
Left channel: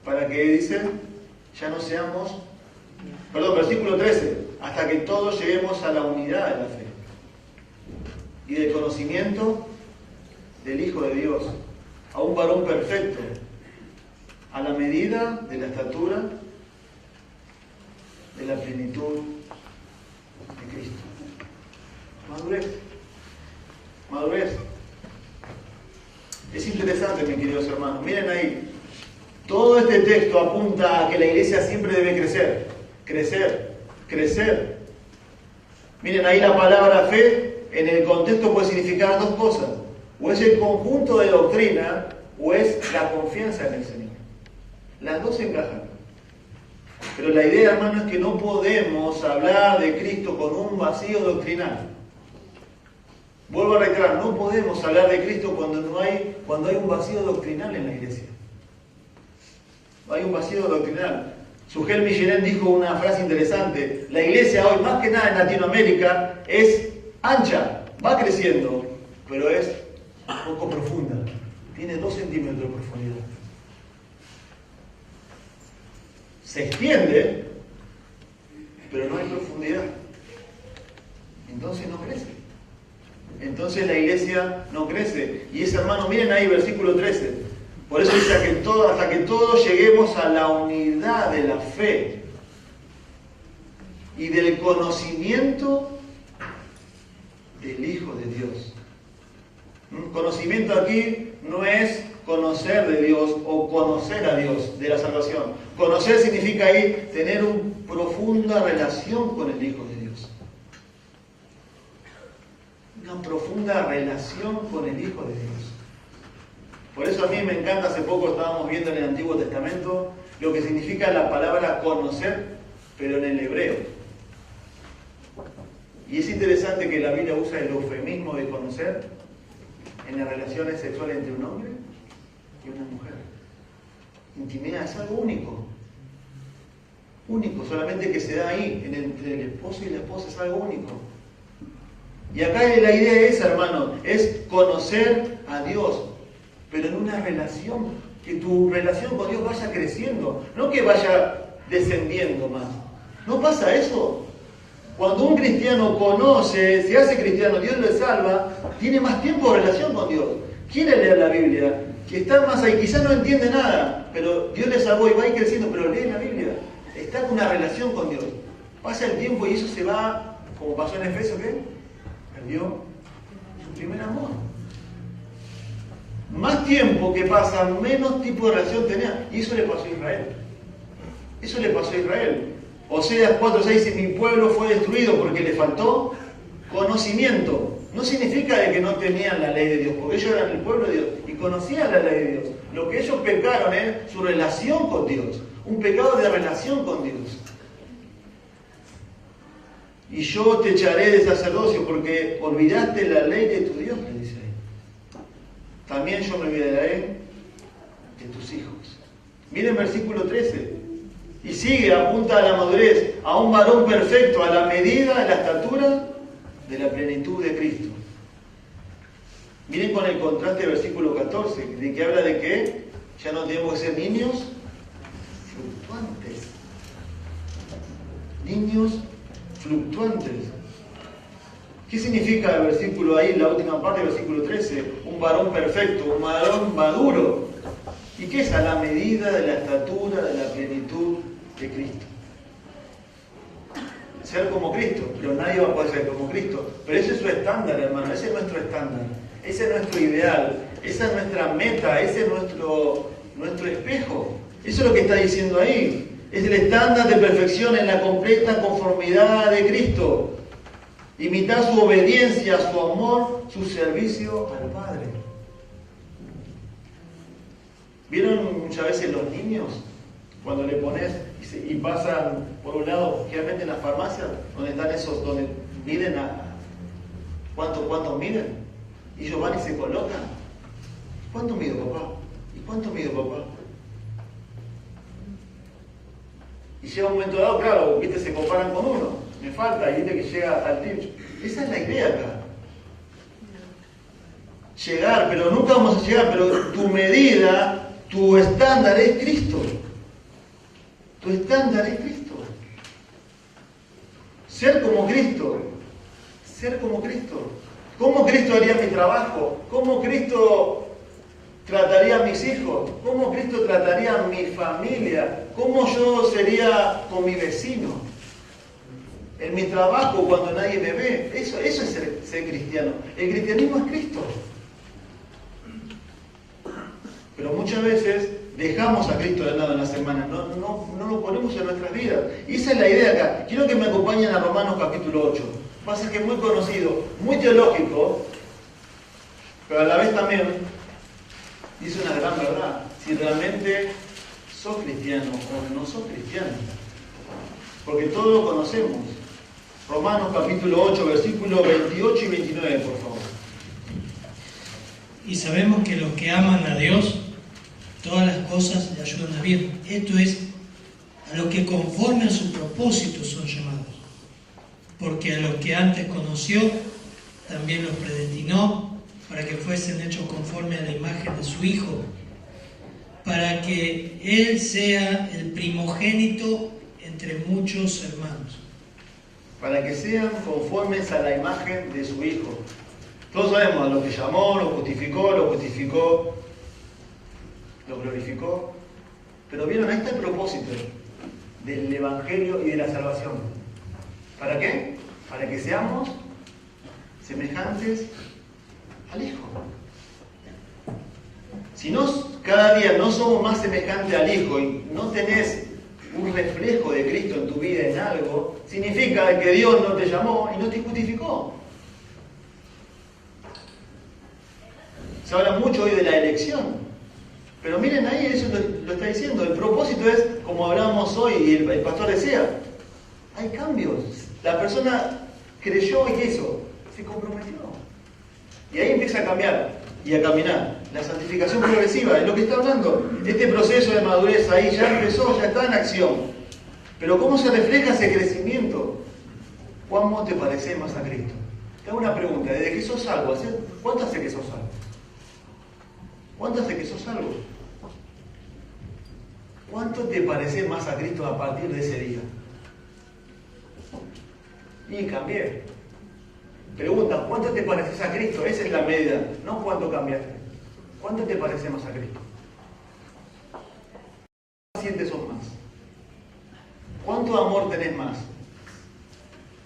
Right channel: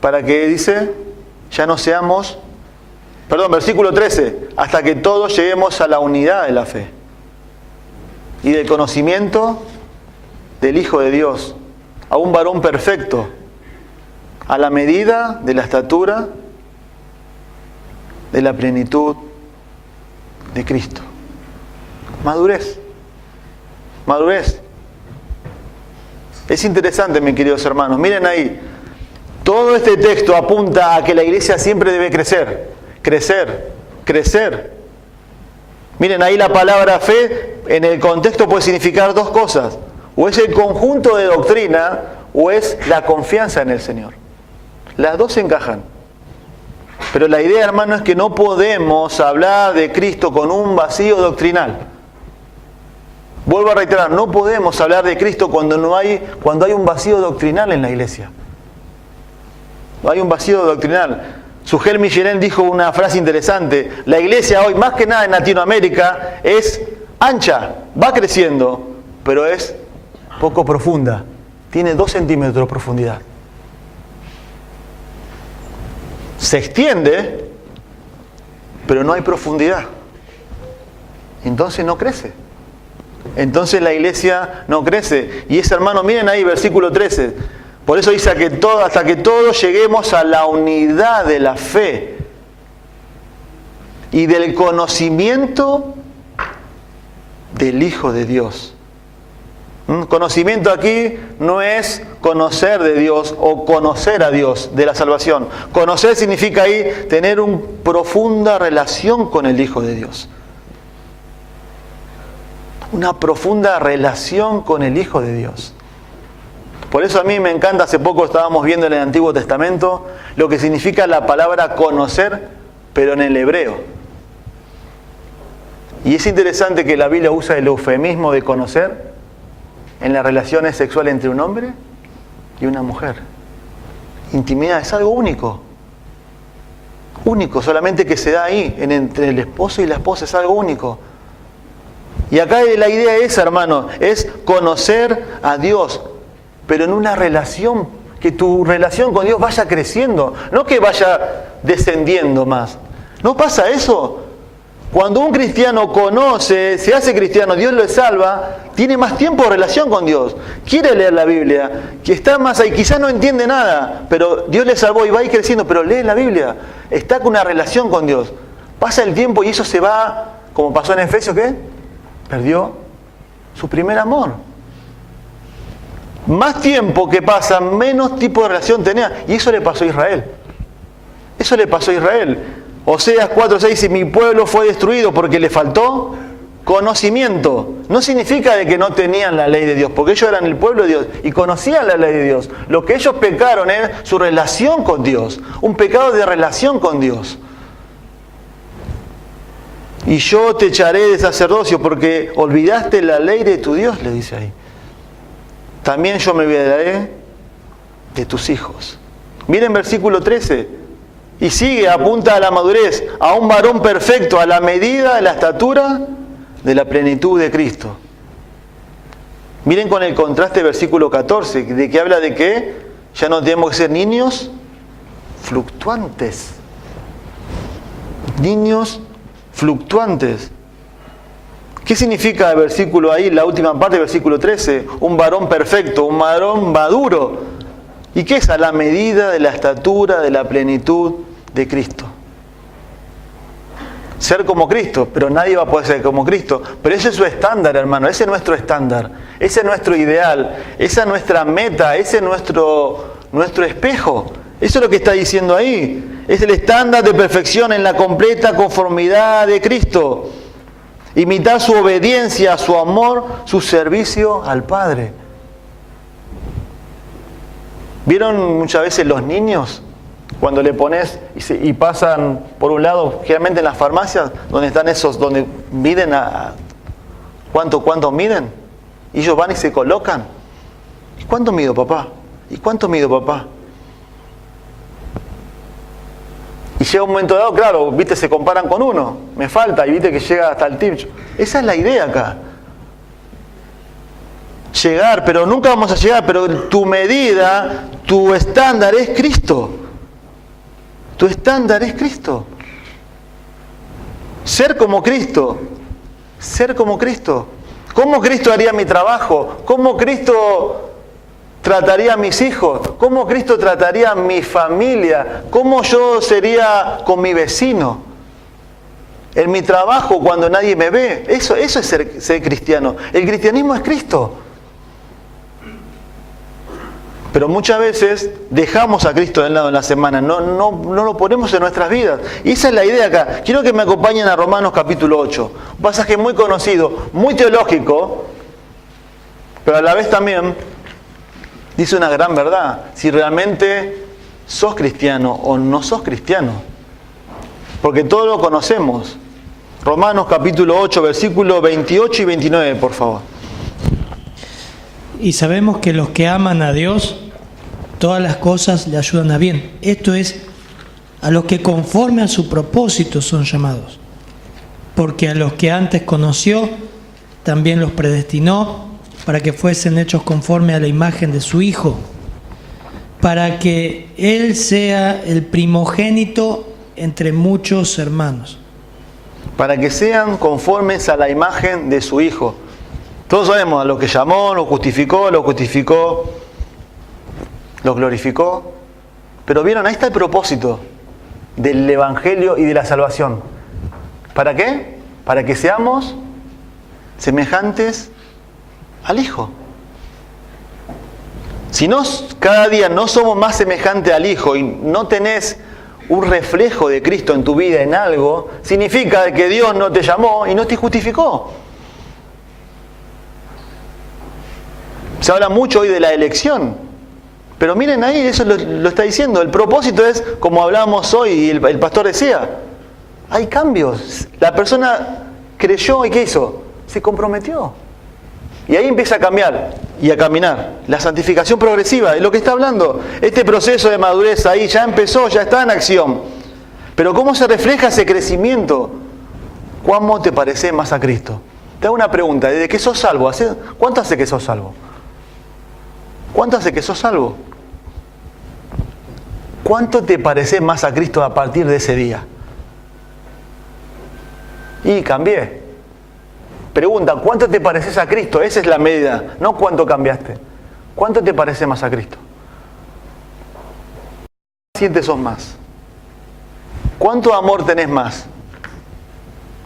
para que dice, ya no seamos, versículo 13, hasta que todos lleguemos a la unidad de la fe y del conocimiento del Hijo de Dios, a un varón perfecto, a la medida de la estatura de la plenitud de Cristo. Madurez. Madurez. Es interesante, mis queridos hermanos. Miren ahí. Todo este texto apunta a que la iglesia siempre debe crecer. Crecer. Crecer. Miren ahí la palabra fe en el contexto puede significar dos cosas. O es el conjunto de doctrina o es la confianza en el Señor. Las dos se encajan. Pero la idea, hermano, es que no podemos hablar de Cristo con un vacío doctrinal. Vuelvo a reiterar, no podemos hablar de Cristo cuando hay un vacío doctrinal en la iglesia. No hay un vacío doctrinal. Sujel Millén dijo una frase interesante. La iglesia hoy, más que nada en Latinoamérica, es ancha, va creciendo, pero es poco profunda. Tiene 2 centímetros de profundidad. Se extiende, pero no hay profundidad. Entonces no crece. Entonces la iglesia no crece. Y ese, hermano, miren ahí versículo 13. Por eso dice hasta que todos lleguemos a la unidad de la fe y del conocimiento del Hijo de Dios. Conocimiento aquí no es conocer de Dios o conocer a Dios de la salvación. Conocer significa ahí tener una profunda relación con el Hijo de Dios. Una profunda relación con el Hijo de Dios. Por eso a mí me encanta, hace poco estábamos viendo en el Antiguo Testamento lo que significa la palabra conocer, pero en el hebreo. Y es interesante que la Biblia usa el eufemismo de conocer en las relaciones sexuales entre un hombre y una mujer. Intimidad es algo único. Único, solamente que se da ahí, entre el esposo y la esposa, es algo único. Y acá la idea es, hermano, es conocer a Dios, pero en una relación, que tu relación con Dios vaya creciendo, no que vaya descendiendo más. ¿No pasa eso? Cuando un cristiano conoce, se hace cristiano, Dios lo salva, tiene más tiempo de relación con Dios, quiere leer la Biblia, que está más ahí, quizás no entiende nada, pero Dios le salvó y va a ir creciendo, pero lee la Biblia, está con una relación con Dios. Pasa el tiempo y eso se va, como pasó en Efesios, ¿qué? Perdió su primer amor. Más tiempo que pasa, menos tipo de relación tenía. Y eso le pasó a Israel. Eso le pasó a Israel. Oseas 4:6 dice, mi pueblo fue destruido porque le faltó conocimiento. No significa de que no tenían la ley de Dios, porque ellos eran el pueblo de Dios y conocían la ley de Dios. Lo que ellos pecaron es su relación con Dios. Un pecado de relación con Dios. Y yo te echaré de sacerdocio porque olvidaste la ley de tu Dios, le dice ahí. También yo me olvidaré de tus hijos. Miren versículo 13. Y sigue, apunta a la madurez, a un varón perfecto, a la medida de la estatura de la plenitud de Cristo. Miren con el contraste versículo 14, de que habla de que ya no tenemos que ser niños fluctuantes. Niños fluctuantes. ¿Qué significa el versículo ahí, la última parte del versículo 13? Un varón perfecto, un varón maduro. ¿Y qué es? A la medida de la estatura de la plenitud de Cristo. Ser como Cristo, pero nadie va a poder ser como Cristo. Pero ese es su estándar, hermano, ese es nuestro estándar, ese es nuestro ideal, esa es nuestra meta, ese es nuestro espejo. Eso es lo que está diciendo ahí. Es el estándar de perfección en la completa conformidad de Cristo. Imitar su obediencia, su amor, su servicio al Padre. ¿Vieron muchas veces los niños? Cuando le pones y pasan por un lado, generalmente en las farmacias, donde están esos, donde miden ¿cuánto miden? Y ellos van y se colocan. ¿Y cuánto mido, papá? ¿Y cuánto mido, papá? Y llega un momento dado, claro, viste, se comparan con uno. Me falta, y viste que llega hasta el techo. Esa es la idea acá. Llegar, pero nunca vamos a llegar, pero tu medida, tu estándar es Cristo. Tu estándar es Cristo. Ser como Cristo. Ser como Cristo. ¿Cómo Cristo haría mi trabajo? ¿Cómo Cristo trataría a mis hijos? ¿Cómo Cristo trataría a mi familia? ¿Cómo yo sería con mi vecino? En mi trabajo cuando nadie me ve. Eso es ser cristiano. El cristianismo es Cristo. Pero muchas veces dejamos a Cristo de lado en la semana, no lo ponemos en nuestras vidas. Y esa es la idea acá. Quiero que me acompañen a Romanos capítulo 8. Un pasaje muy conocido, muy teológico, pero a la vez también dice una gran verdad. Si realmente sos cristiano o no sos cristiano. Porque todos lo conocemos. Romanos capítulo 8, versículos 28 y 29, por favor. Y sabemos que los que aman a Dios, todas las cosas le ayudan a bien. Esto es, a los que conforme a su propósito son llamados. Porque a los que antes conoció, también los predestinó para que fuesen hechos conforme a la imagen de su Hijo, para que Él sea el primogénito entre muchos hermanos. Para que sean conformes a la imagen de su Hijo. Todos sabemos, lo que llamó, lo justificó, lo glorificó. Pero vieron, ahí está el propósito del Evangelio y de la salvación. ¿Para qué? Para que seamos semejantes al Hijo. Si no, cada día no somos más semejantes al Hijo y no tenés un reflejo de Cristo en tu vida en algo, significa que Dios no te llamó y no te justificó. Se habla mucho hoy de la elección, pero miren ahí, eso lo está diciendo. El propósito es, como hablábamos hoy y el pastor decía, hay cambios. La persona creyó y ¿qué hizo? Se comprometió. Y ahí empieza a cambiar y a caminar. La santificación progresiva es lo que está hablando. Este proceso de madurez ahí ya empezó, ya está en acción. Pero ¿cómo se refleja ese crecimiento? ¿Cómo te pareces más a Cristo? Te hago una pregunta. ¿Desde que sos salvo? ¿Cuánto hace que sos salvo? ¿Cuánto hace que sos salvo? ¿Cuánto te pareces más a Cristo a partir de ese día? Y cambié. Pregunta, ¿cuánto te pareces a Cristo? Esa es la medida, no cuánto cambiaste. ¿Cuánto te pareces más a Cristo? ¿Cuánto paciente sos más? ¿Cuánto amor tenés más?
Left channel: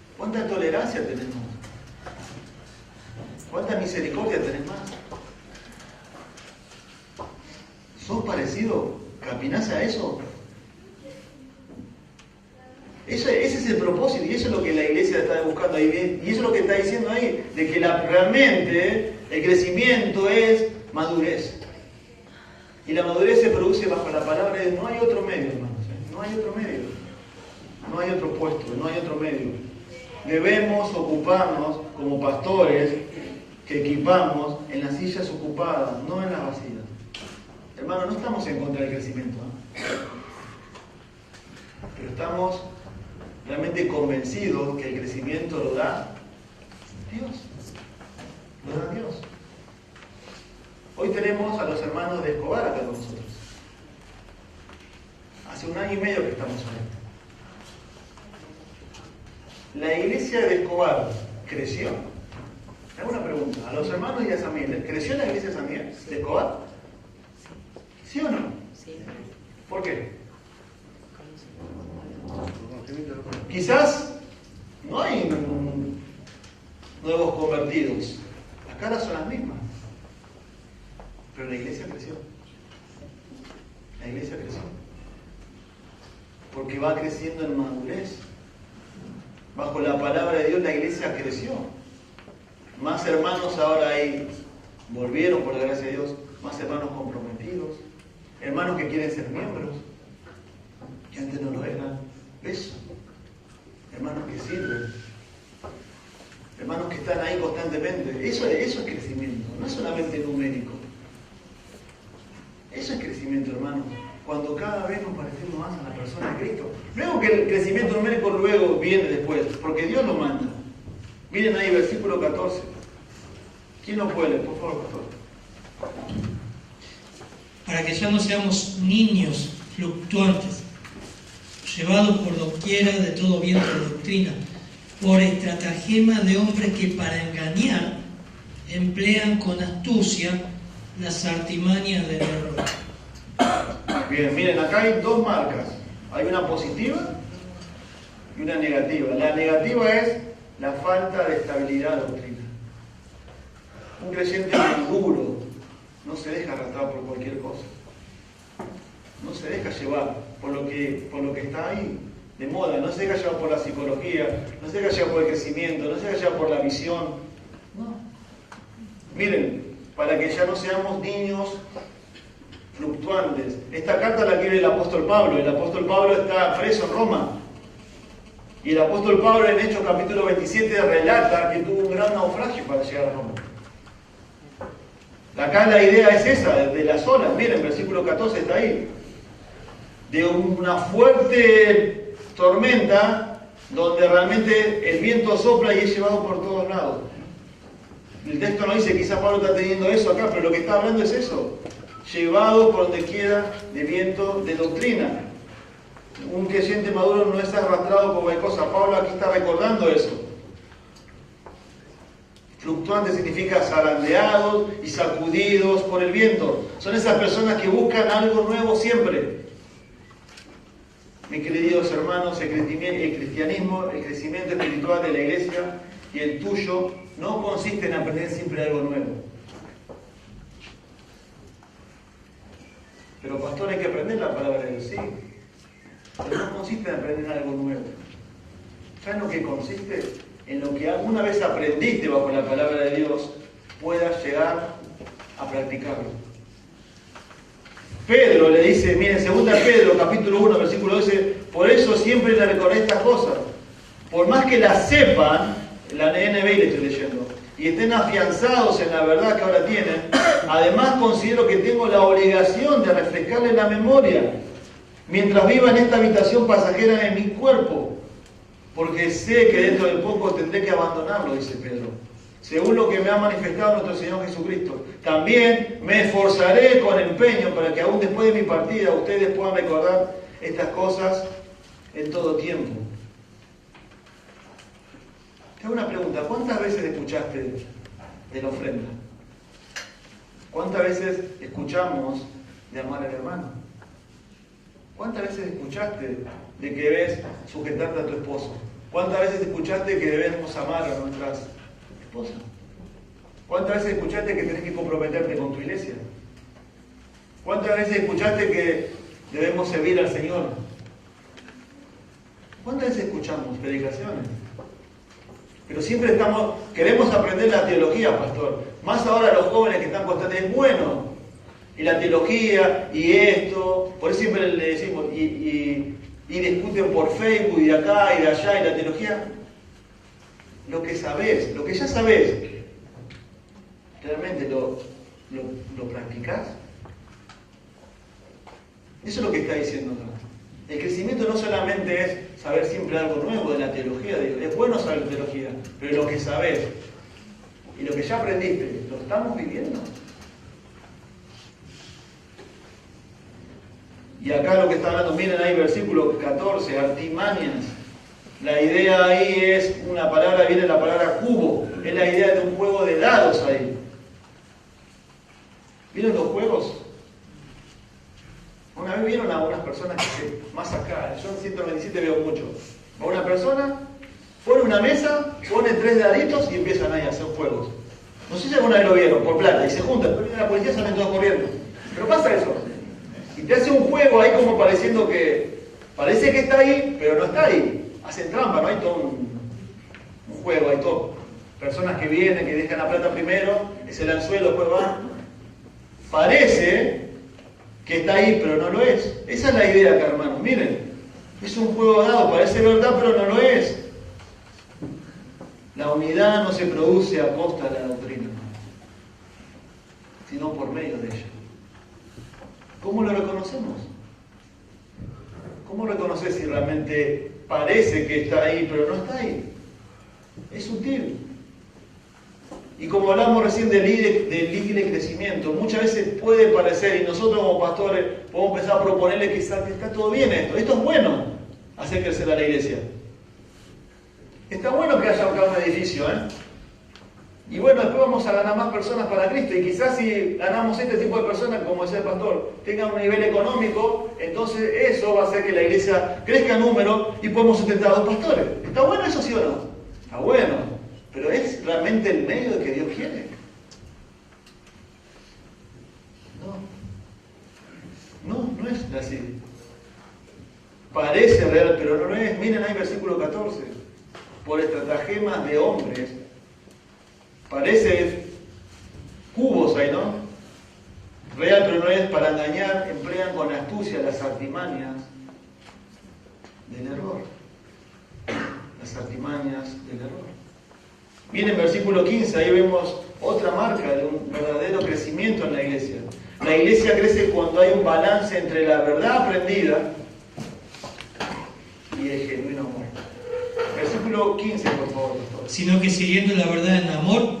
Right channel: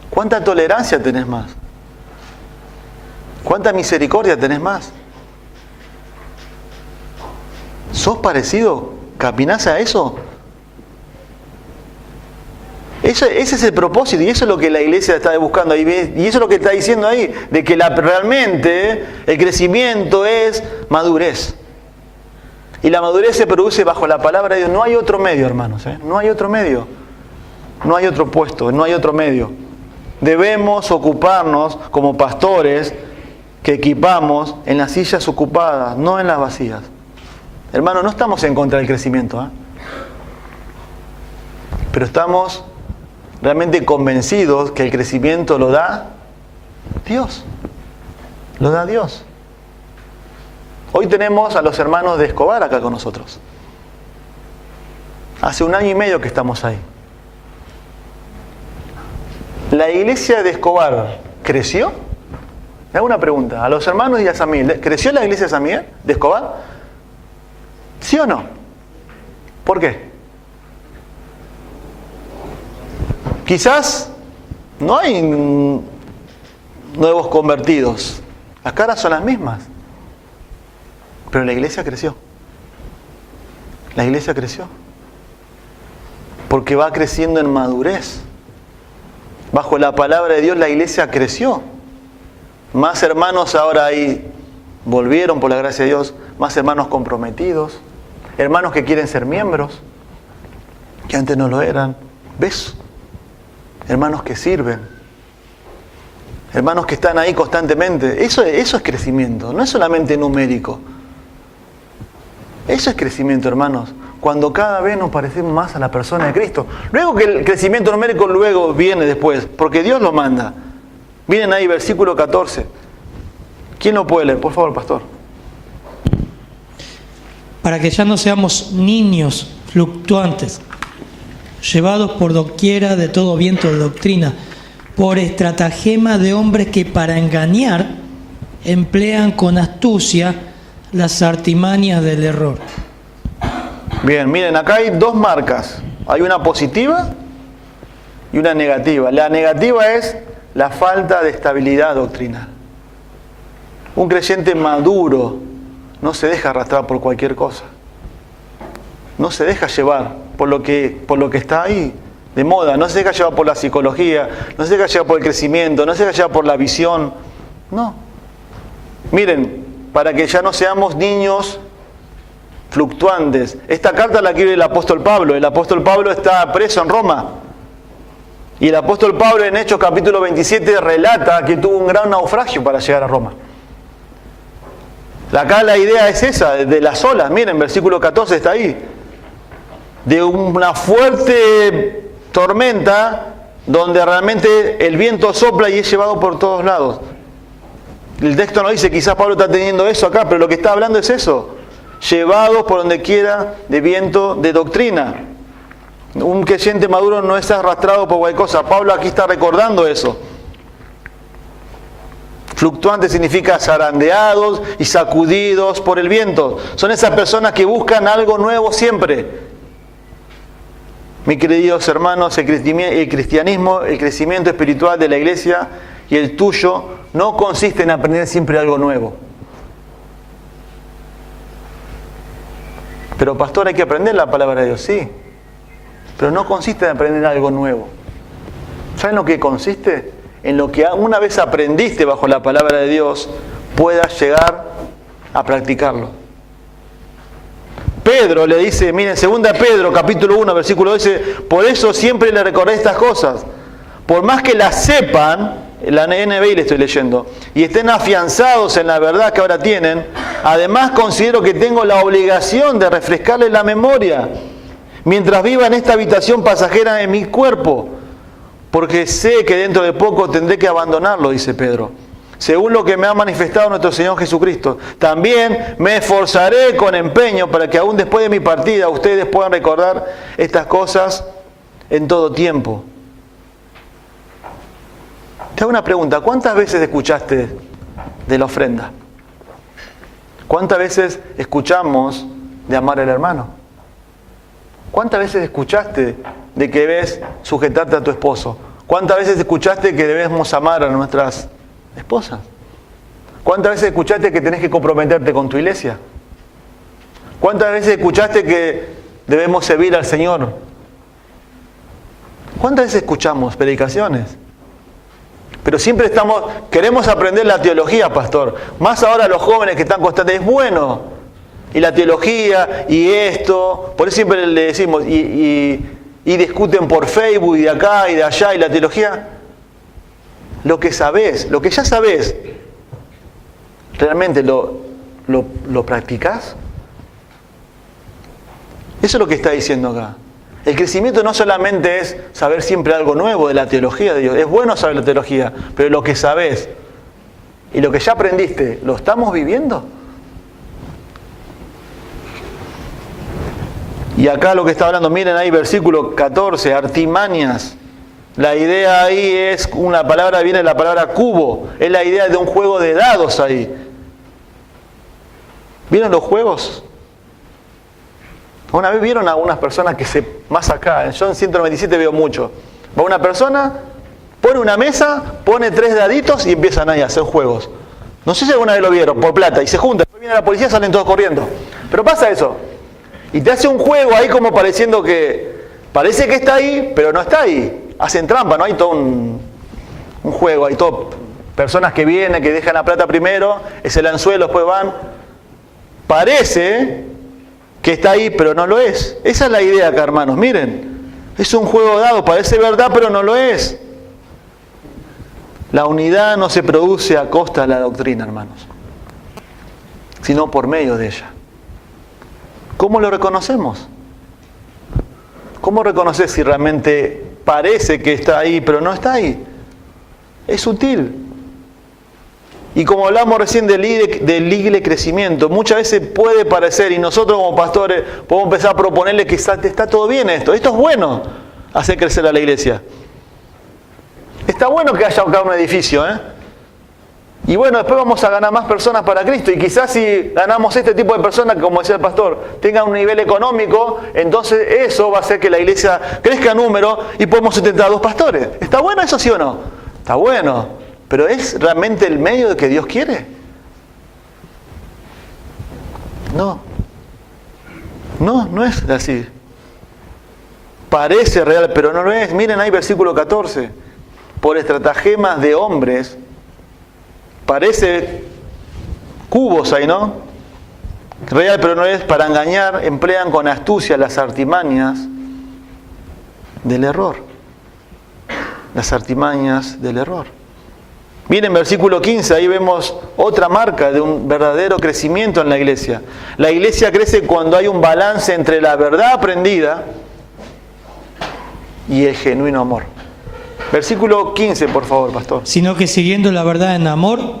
¿Cuánta tolerancia tenés más? ¿Cuánta misericordia tenés más? ¿Sos parecido? ¿Caminás a eso? Ese es el propósito y eso es lo que la iglesia está buscando ahí. Y eso es lo que está diciendo ahí, de que realmente el crecimiento es madurez. Y la madurez se produce bajo la palabra de Dios. No hay otro medio, hermanos. No hay otro medio. No hay otro puesto, no hay otro medio. Debemos ocuparnos como pastores que equipamos en las sillas ocupadas, no en las vacías. Hermanos, no estamos en contra del crecimiento, pero estamos realmente convencidos que el crecimiento lo da Dios. Lo da Dios. Hoy tenemos a los hermanos de Escobar acá con nosotros. Hace 1 año y medio que estamos ahí. ¿La iglesia de Escobar creció? Me hago una pregunta. A los hermanos de San Miguel, ¿creció la iglesia de San Miguel, de Escobar? ¿Sí o no? ¿Por qué? Quizás no hay nuevos convertidos. Las caras son las mismas. Pero la iglesia creció. La iglesia creció. Porque va creciendo en madurez. Bajo la palabra de Dios la iglesia creció. Más hermanos ahora ahí volvieron por la gracia de Dios. Más hermanos comprometidos. Hermanos que quieren ser miembros. Que antes no lo eran. ¿Ves? Hermanos que sirven, hermanos que están ahí constantemente. Eso es crecimiento, no es solamente numérico. Eso es crecimiento, hermanos. Cuando cada vez nos parecemos más a la persona de Cristo. Luego que el crecimiento numérico luego viene después, porque Dios lo manda. Miren ahí, versículo 14. ¿Quién lo puede leer? Por favor, pastor. Para que ya no seamos niños fluctuantes, llevados por doquiera de todo viento de doctrina, por estratagema de hombres que para engañar emplean con astucia las artimañas del error. Bien, miren, acá hay 2 marcas. Hay una positiva y una negativa. La negativa es la falta de estabilidad doctrinal. Un creyente maduro no se deja arrastrar por cualquier cosa. No se deja llevar por lo que está ahí de moda. No se deja llevar por la psicología. No se deja llevar por el crecimiento. No se deja llevar por la visión. No. Miren, para que ya no seamos niños fluctuantes. Esta carta la escribe el apóstol Pablo. El apóstol Pablo está preso en Roma. Y el apóstol Pablo en Hechos capítulo 27 relata que tuvo un gran naufragio para llegar a Roma. Acá la idea es esa, de las olas. Miren, versículo 14 está ahí. De una fuerte tormenta donde realmente el viento sopla y es llevado por todos lados. El texto no dice, quizás Pablo está teniendo eso acá, pero lo que está hablando es eso. llevados por donde quiera de viento de doctrina. Un creyente maduro no es arrastrado por cualquier cosa. Pablo aquí está recordando eso. Fluctuante significa zarandeados y sacudidos por el viento. Son esas personas que buscan algo nuevo siempre. Mis queridos hermanos, el cristianismo, el crecimiento espiritual de la iglesia y el tuyo no consiste en aprender siempre algo nuevo. Pero pastor, hay que aprender la palabra de Dios, sí. Pero no consiste en aprender algo nuevo. ¿Saben lo que consiste? En lo que una vez aprendiste bajo la palabra de Dios, puedas llegar a practicarlo. Pedro le dice, miren, 2 Pedro, capítulo 1, versículo 12, por eso siempre le recordé estas cosas. Por más que las sepan, la NBI le estoy leyendo, y estén afianzados en la verdad que ahora tienen, además considero que tengo la obligación de refrescarles la memoria, mientras viva en esta habitación pasajera de mi cuerpo, porque sé que dentro de poco tendré que abandonarlo, dice Pedro, según lo que me ha manifestado nuestro Señor Jesucristo. También me esforzaré con empeño para que aún después de mi partida ustedes puedan recordar estas cosas en todo tiempo. Te hago una pregunta, ¿cuántas veces escuchaste de la ofrenda? ¿Cuántas veces escuchamos de amar al hermano? ¿Cuántas veces escuchaste de que debes sujetarte a tu esposo? ¿Cuántas veces escuchaste que debemos amar a nuestras esposas? ¿Cuántas veces escuchaste que tenés que comprometerte con tu iglesia? ¿Cuántas veces escuchaste que debemos servir al Señor? ¿Cuántas veces escuchamos predicaciones? Pero siempre queremos aprender la teología, pastor. Más ahora los jóvenes que están constantes, es bueno. Y la teología, y esto, por eso siempre le decimos, y discuten por Facebook, y de acá, y de allá, y la teología. Lo que sabés, lo que ya sabés, ¿realmente lo practicás? Eso es lo que está diciendo acá. El crecimiento no solamente es saber siempre algo nuevo de la teología de Dios. Es bueno saber la teología, pero lo que sabés y lo que ya aprendiste, ¿lo estamos viviendo? Y acá lo que está hablando, miren ahí versículo 14, artimañas. La idea ahí es una palabra, viene de la palabra cubo. Es la idea de un juego de dados ahí. ¿Vieron los juegos? Una vez vieron a algunas personas más acá, yo en 197 veo mucho. Va una persona, pone una mesa, pone 3 daditos y empiezan ahí a hacer juegos. No sé si alguna vez lo vieron, por plata, y se juntan, viene la policía, salen todos corriendo. Pero pasa eso. Y te hace un juego ahí como pareciendo que parece que está ahí, pero no está ahí. Hacen trampa, ¿no? Hay todo un juego, hay todo personas que vienen, que dejan la plata primero, es el anzuelo, después van. Parece que está ahí, pero no lo es. Esa es la idea acá, hermanos. Miren, es un juego dado, parece verdad, pero no lo es. La unidad no se produce a costa de la doctrina, hermanos, sino por medio de ella. ¿Cómo lo reconocemos? ¿Cómo reconocer si realmente parece que está ahí, pero no está ahí? Es sutil. Y como hablamos recién del libre crecimiento, muchas veces puede parecer, y nosotros como pastores podemos empezar a proponerle que está todo bien esto es bueno, hacer crecer a la iglesia. Está bueno que haya acá un edificio, y bueno, después vamos a ganar más personas para Cristo, y quizás si ganamos este tipo de personas, como decía el pastor, tengan un nivel económico, entonces eso va a hacer que la iglesia crezca en número y podemos sustentar a 2 pastores. ¿Está bueno eso, sí o no? Está bueno. ¿Pero es realmente el medio que Dios quiere? No. No es así. Parece real, pero no lo es. Miren ahí versículo 14. Por estratagemas de hombres, parece cubos ahí, ¿no? Real, pero no es. Para engañar, emplean con astucia las artimañas del error. Las artimañas del error. Miren, versículo 15, ahí vemos otra marca de un verdadero crecimiento en la iglesia. La iglesia crece cuando hay un balance entre la verdad aprendida y el genuino amor. Versículo 15, por favor, pastor. Sino que siguiendo la verdad en amor,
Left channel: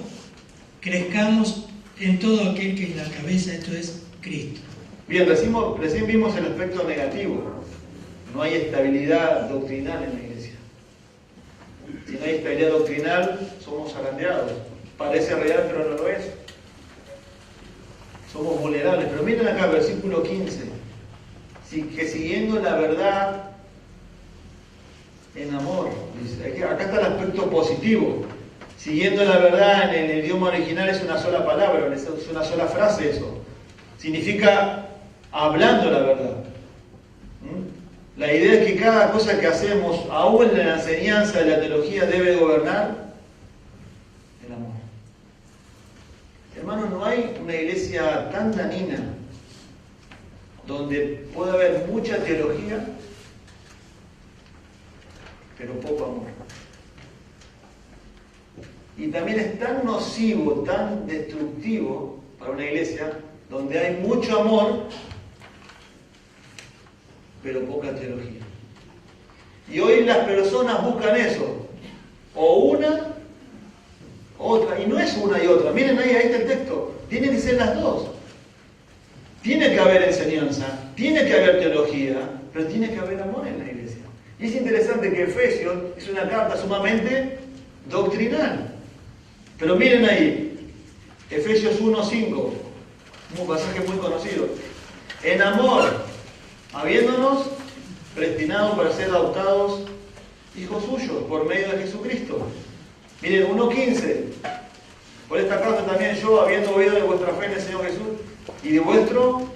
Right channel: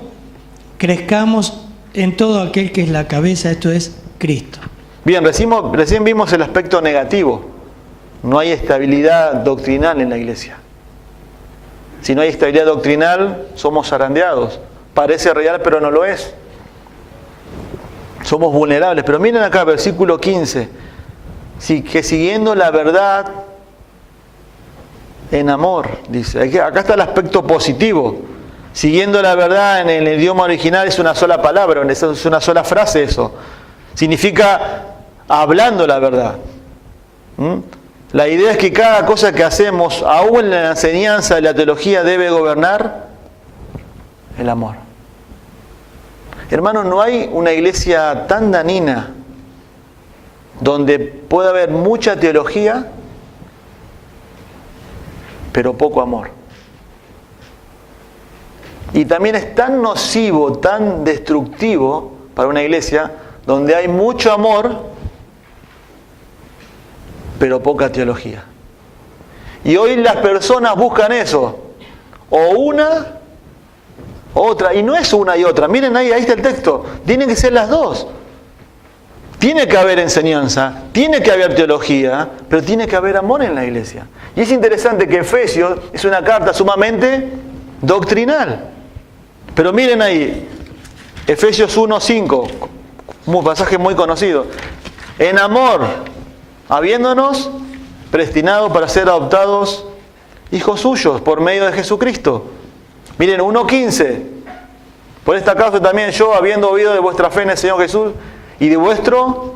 crezcamos en todo aquel que es la cabeza, esto es Cristo. Bien, recién vimos el aspecto negativo. No hay estabilidad doctrinal en la iglesia. Si no hay estabilidad doctrinal, somos zarandeados. Parece real, pero no lo es. Somos vulnerables. Pero miren acá, versículo 15. Sí, que siguiendo la verdad en amor, dice. Acá está el aspecto positivo. Siguiendo la verdad en el idioma original es una sola palabra, es una sola frase eso. Significa hablando la verdad. La idea es que cada cosa que hacemos, aún en la enseñanza de la teología, debe gobernar el amor. Hermanos, no hay una iglesia tan dañina donde pueda haber mucha teología, pero poco amor. Y también es tan nocivo, tan destructivo para una iglesia donde hay mucho amor, pero poca teología. Y hoy las personas buscan eso, o una, o otra, y no es una y otra. Miren ahí está el texto, tienen que ser las dos. Tiene que haber enseñanza, tiene que haber teología, pero tiene que haber amor en la iglesia. Y es interesante que Efesios es una carta sumamente doctrinal. Pero miren ahí, Efesios 1:5, un pasaje muy conocido. En amor, habiéndonos predestinado para ser adoptados hijos suyos por medio de Jesucristo. Miren, 1:15. Por esta causa también yo, habiendo oído de vuestra fe en el Señor Jesús y de vuestro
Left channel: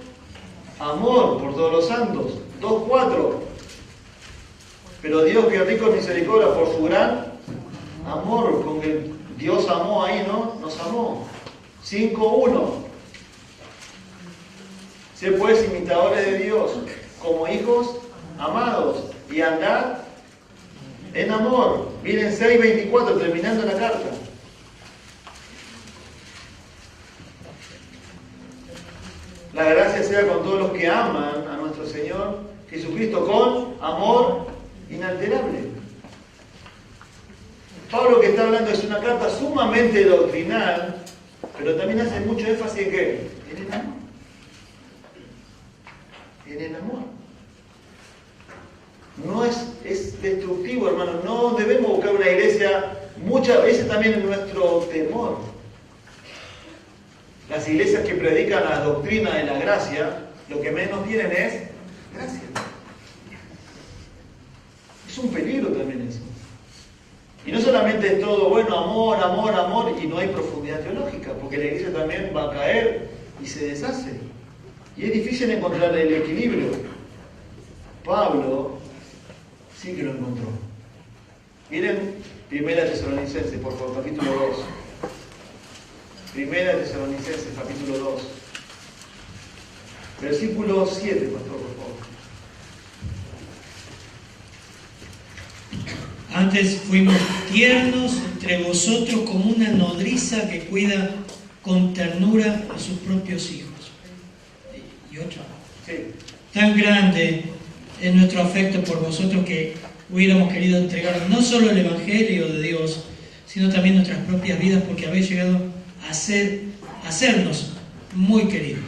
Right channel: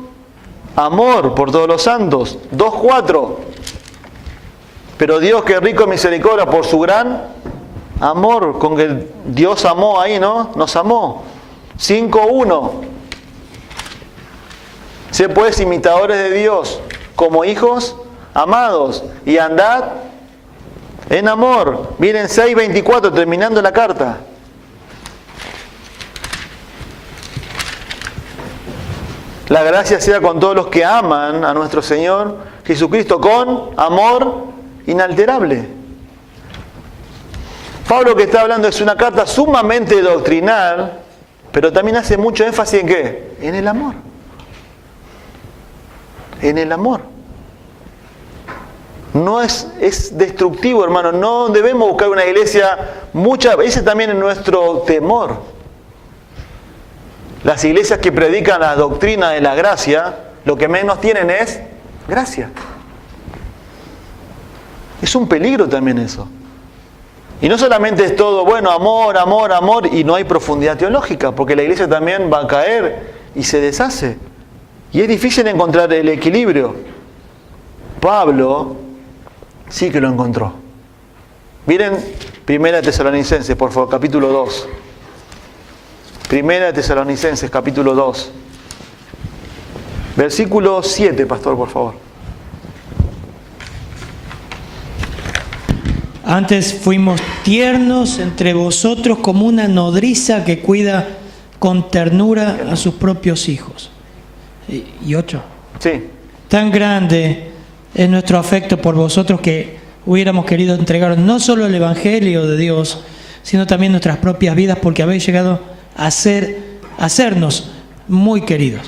amor por todos los santos. 2:4. Pero Dios, que es rico en misericordia por su gran amor con que Dios amó ahí, ¿no? Nos amó. 5:1. Sé pues imitadores de Dios como hijos amados y andad en amor. Miren 6:24, terminando la carta. La gracia sea con todos los que aman a nuestro Señor Jesucristo con amor inalterable. Pablo, que está hablando, es una carta sumamente doctrinal, pero también hace mucho énfasis en ¿qué? En el amor. En el amor. No es destructivo, hermano. No debemos buscar una iglesia, muchas veces también en nuestro temor. Las iglesias que predican la doctrina de la gracia, lo que menos tienen es gracia. Es un peligro también eso. Y no solamente es todo, bueno, amor, amor, amor, y no hay profundidad teológica, porque la iglesia también va a caer y se deshace. Y es difícil encontrar el equilibrio. Pablo sí que lo encontró. Miren 1 Tesalonicenses, por favor, capítulo 2. 1 Tesalonicenses, capítulo 2. Versículo 7, pastor, por favor. Antes fuimos tiernos entre vosotros como una nodriza que cuida con ternura a sus propios hijos. Y 8. Sí. Tan grande es nuestro afecto por vosotros que hubiéramos querido entregaros no solo el Evangelio de Dios, sino también nuestras propias vidas, porque habéis llegado a hacernos muy queridos.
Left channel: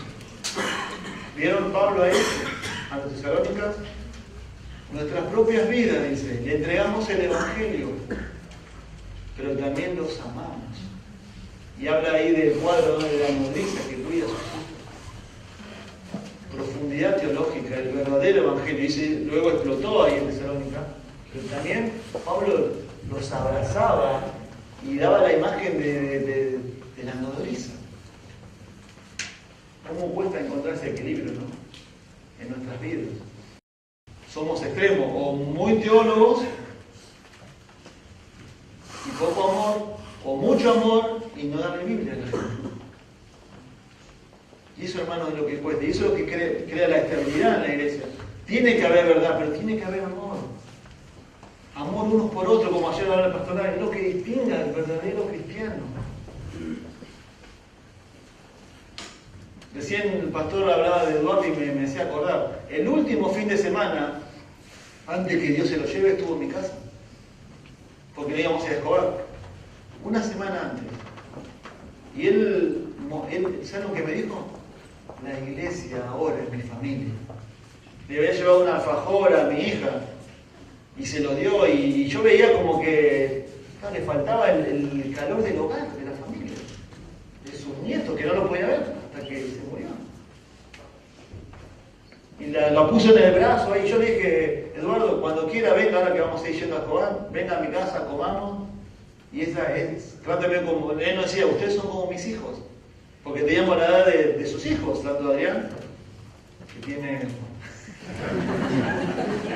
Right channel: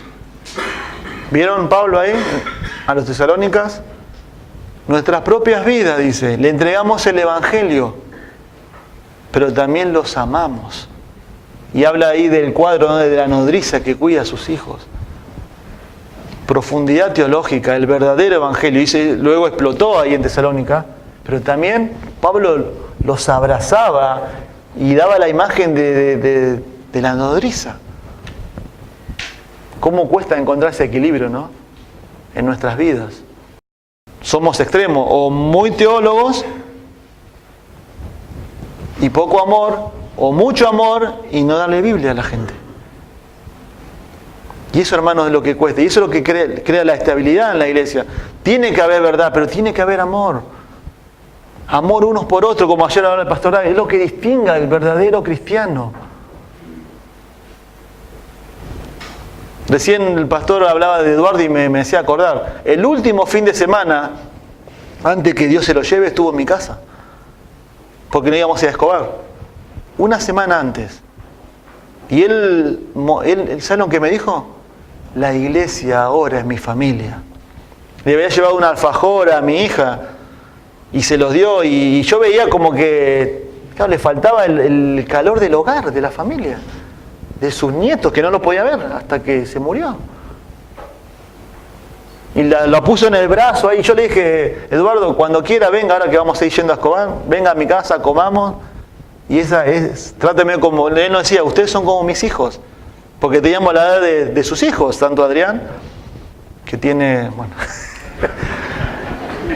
¿Vieron Pablo ahí? A los tesalónicas. Nuestras propias vidas, dice. Le entregamos el Evangelio, pero también los amamos. Y habla ahí del cuadro, ¿no?, de la nodriza que cuida a sus hijos. Profundidad teológica, el verdadero Evangelio. Y luego explotó ahí en Tesalónica, pero también Pablo los abrazaba y daba la imagen de la nodriza. ¿Cómo cuesta encontrar ese equilibrio, no?, en nuestras vidas? Somos extremos, o muy teólogos y poco amor, o mucho amor y no darle Biblia a la gente. Y eso, hermanos, es lo que cuesta. Y eso es lo que crea la estabilidad en la iglesia. Tiene que haber verdad, pero tiene que haber amor. Amor unos por otros, como ayer hablaba el pastor David, es lo que distingue al verdadero cristiano. Recién el pastor hablaba de Eduardo y me hacía acordar. El último fin de semana, antes que Dios se lo lleve, estuvo en mi casa. Porque no íbamos a ir a Escobar. Una semana antes. Y él ¿saben lo que me dijo? la iglesia ahora es mi familia. Le había llevado una alfajora a mi hija y se los dio, y yo veía como que, claro, le faltaba el calor del hogar, de la familia, de sus nietos, que no lo podía ver hasta que se murió. Y la puso en el brazo ahí. Yo le dije, Eduardo, cuando quiera venga, ahora que vamos a ir yendo a Escobar, venga a mi casa, comamos. Y esa es, tráteme como, él nos decía, ustedes son como mis hijos. Porque teníamos la edad de sus hijos, tanto Adrián, que tiene, bueno,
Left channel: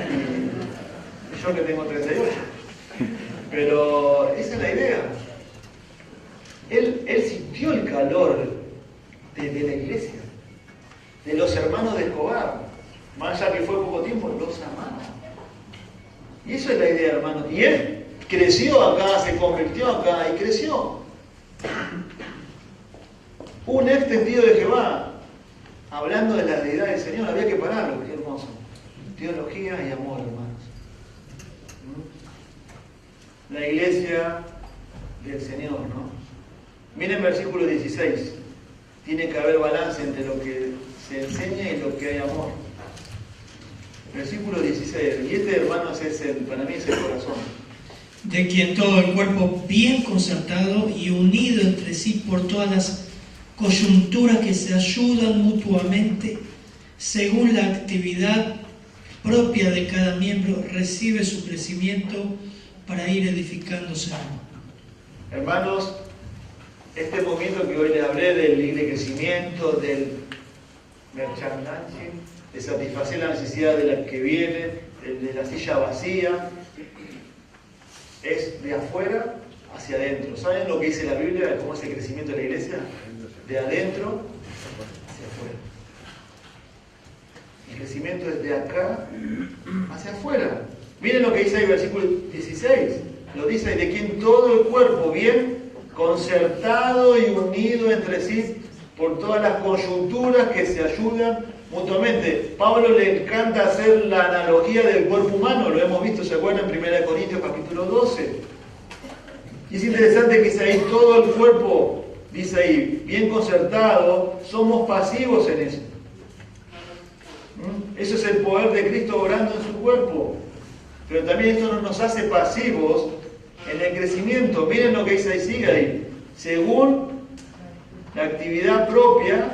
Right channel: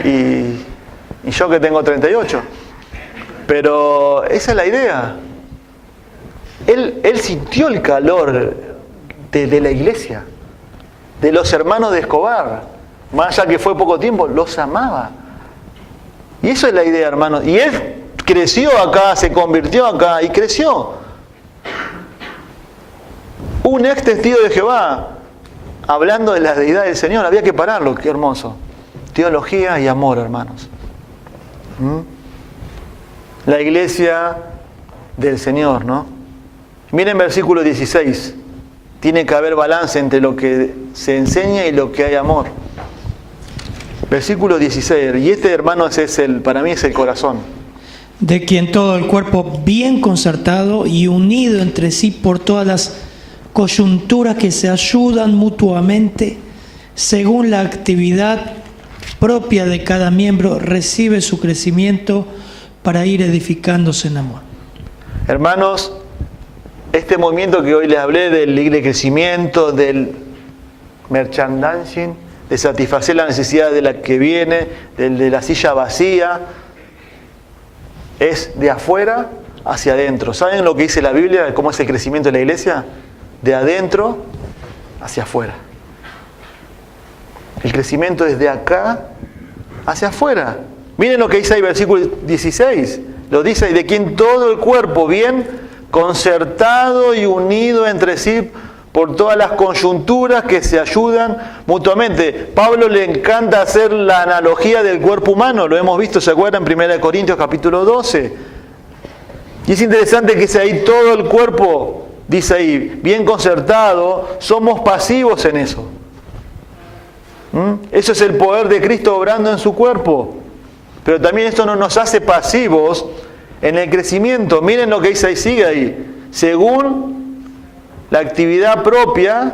y yo que tengo 38. Pero esa es la idea. Él sintió el calor de la iglesia, de los hermanos de Escobar. Más allá que fue poco tiempo, los amaba. Y eso es la idea, hermanos. Y él creció acá, se convirtió acá y creció. Un ex testigo de Jehová, hablando de la deidad del Señor, había que pararlo, qué hermoso. Teología y amor, hermanos. La iglesia del Señor, ¿no? Miren versículo 16. Tiene que haber balance entre lo que se enseña y lo que hay amor. Versículo 16. Y este, hermanos, para mí es el corazón. De quien todo el cuerpo bien concertado y unido entre sí por todas las coyunturas que se ayudan mutuamente, según la actividad propia de cada miembro, recibe su crecimiento para ir edificándose en amor. Hermanos, este movimiento que hoy les hablé del crecimiento, del merchandising, de satisfacer la necesidad de la que viene, de la silla vacía, es de afuera hacia adentro. ¿Saben lo que dice la Biblia? ¿Cómo es el crecimiento de la iglesia? De adentro hacia afuera. El crecimiento es de acá hacia afuera. Miren lo que dice ahí, versículo 16. Lo dice ahí, de quien todo el cuerpo bien concertado y unido entre sí por todas las coyunturas que se ayudan mutuamente. Pablo le encanta hacer la analogía del cuerpo humano, lo hemos visto, ¿se acuerdan? En 1 Corintios capítulo 12. Y es interesante que dice ahí todo el cuerpo, dice ahí, bien concertado, somos pasivos en eso. Eso es el poder de Cristo obrando en su cuerpo. Pero también esto no nos hace pasivos en el crecimiento. Miren lo que dice ahí, sigue ahí. Según la actividad propia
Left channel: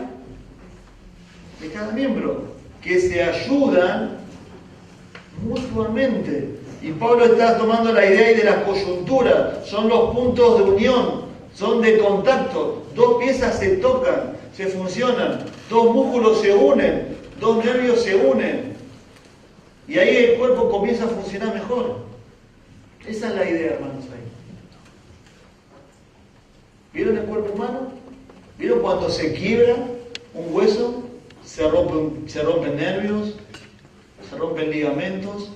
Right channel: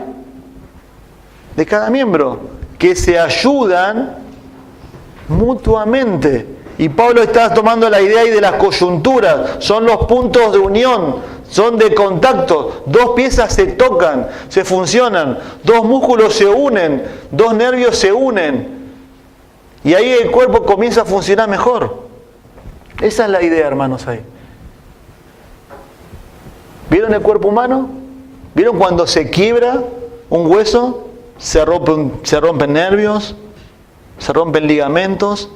de cada miembro, que se ayudan mutuamente. Y Pablo está tomando la idea ahí de las coyunturas, son los puntos de unión, son de contacto. Dos piezas se tocan, se funcionan, dos músculos se unen, dos nervios se unen. Y ahí el cuerpo comienza a funcionar mejor. Esa es la idea, hermanos, ahí. ¿Vieron el cuerpo humano? ¿Vieron cuando se quiebra un hueso? Se rompen nervios, se rompen ligamentos.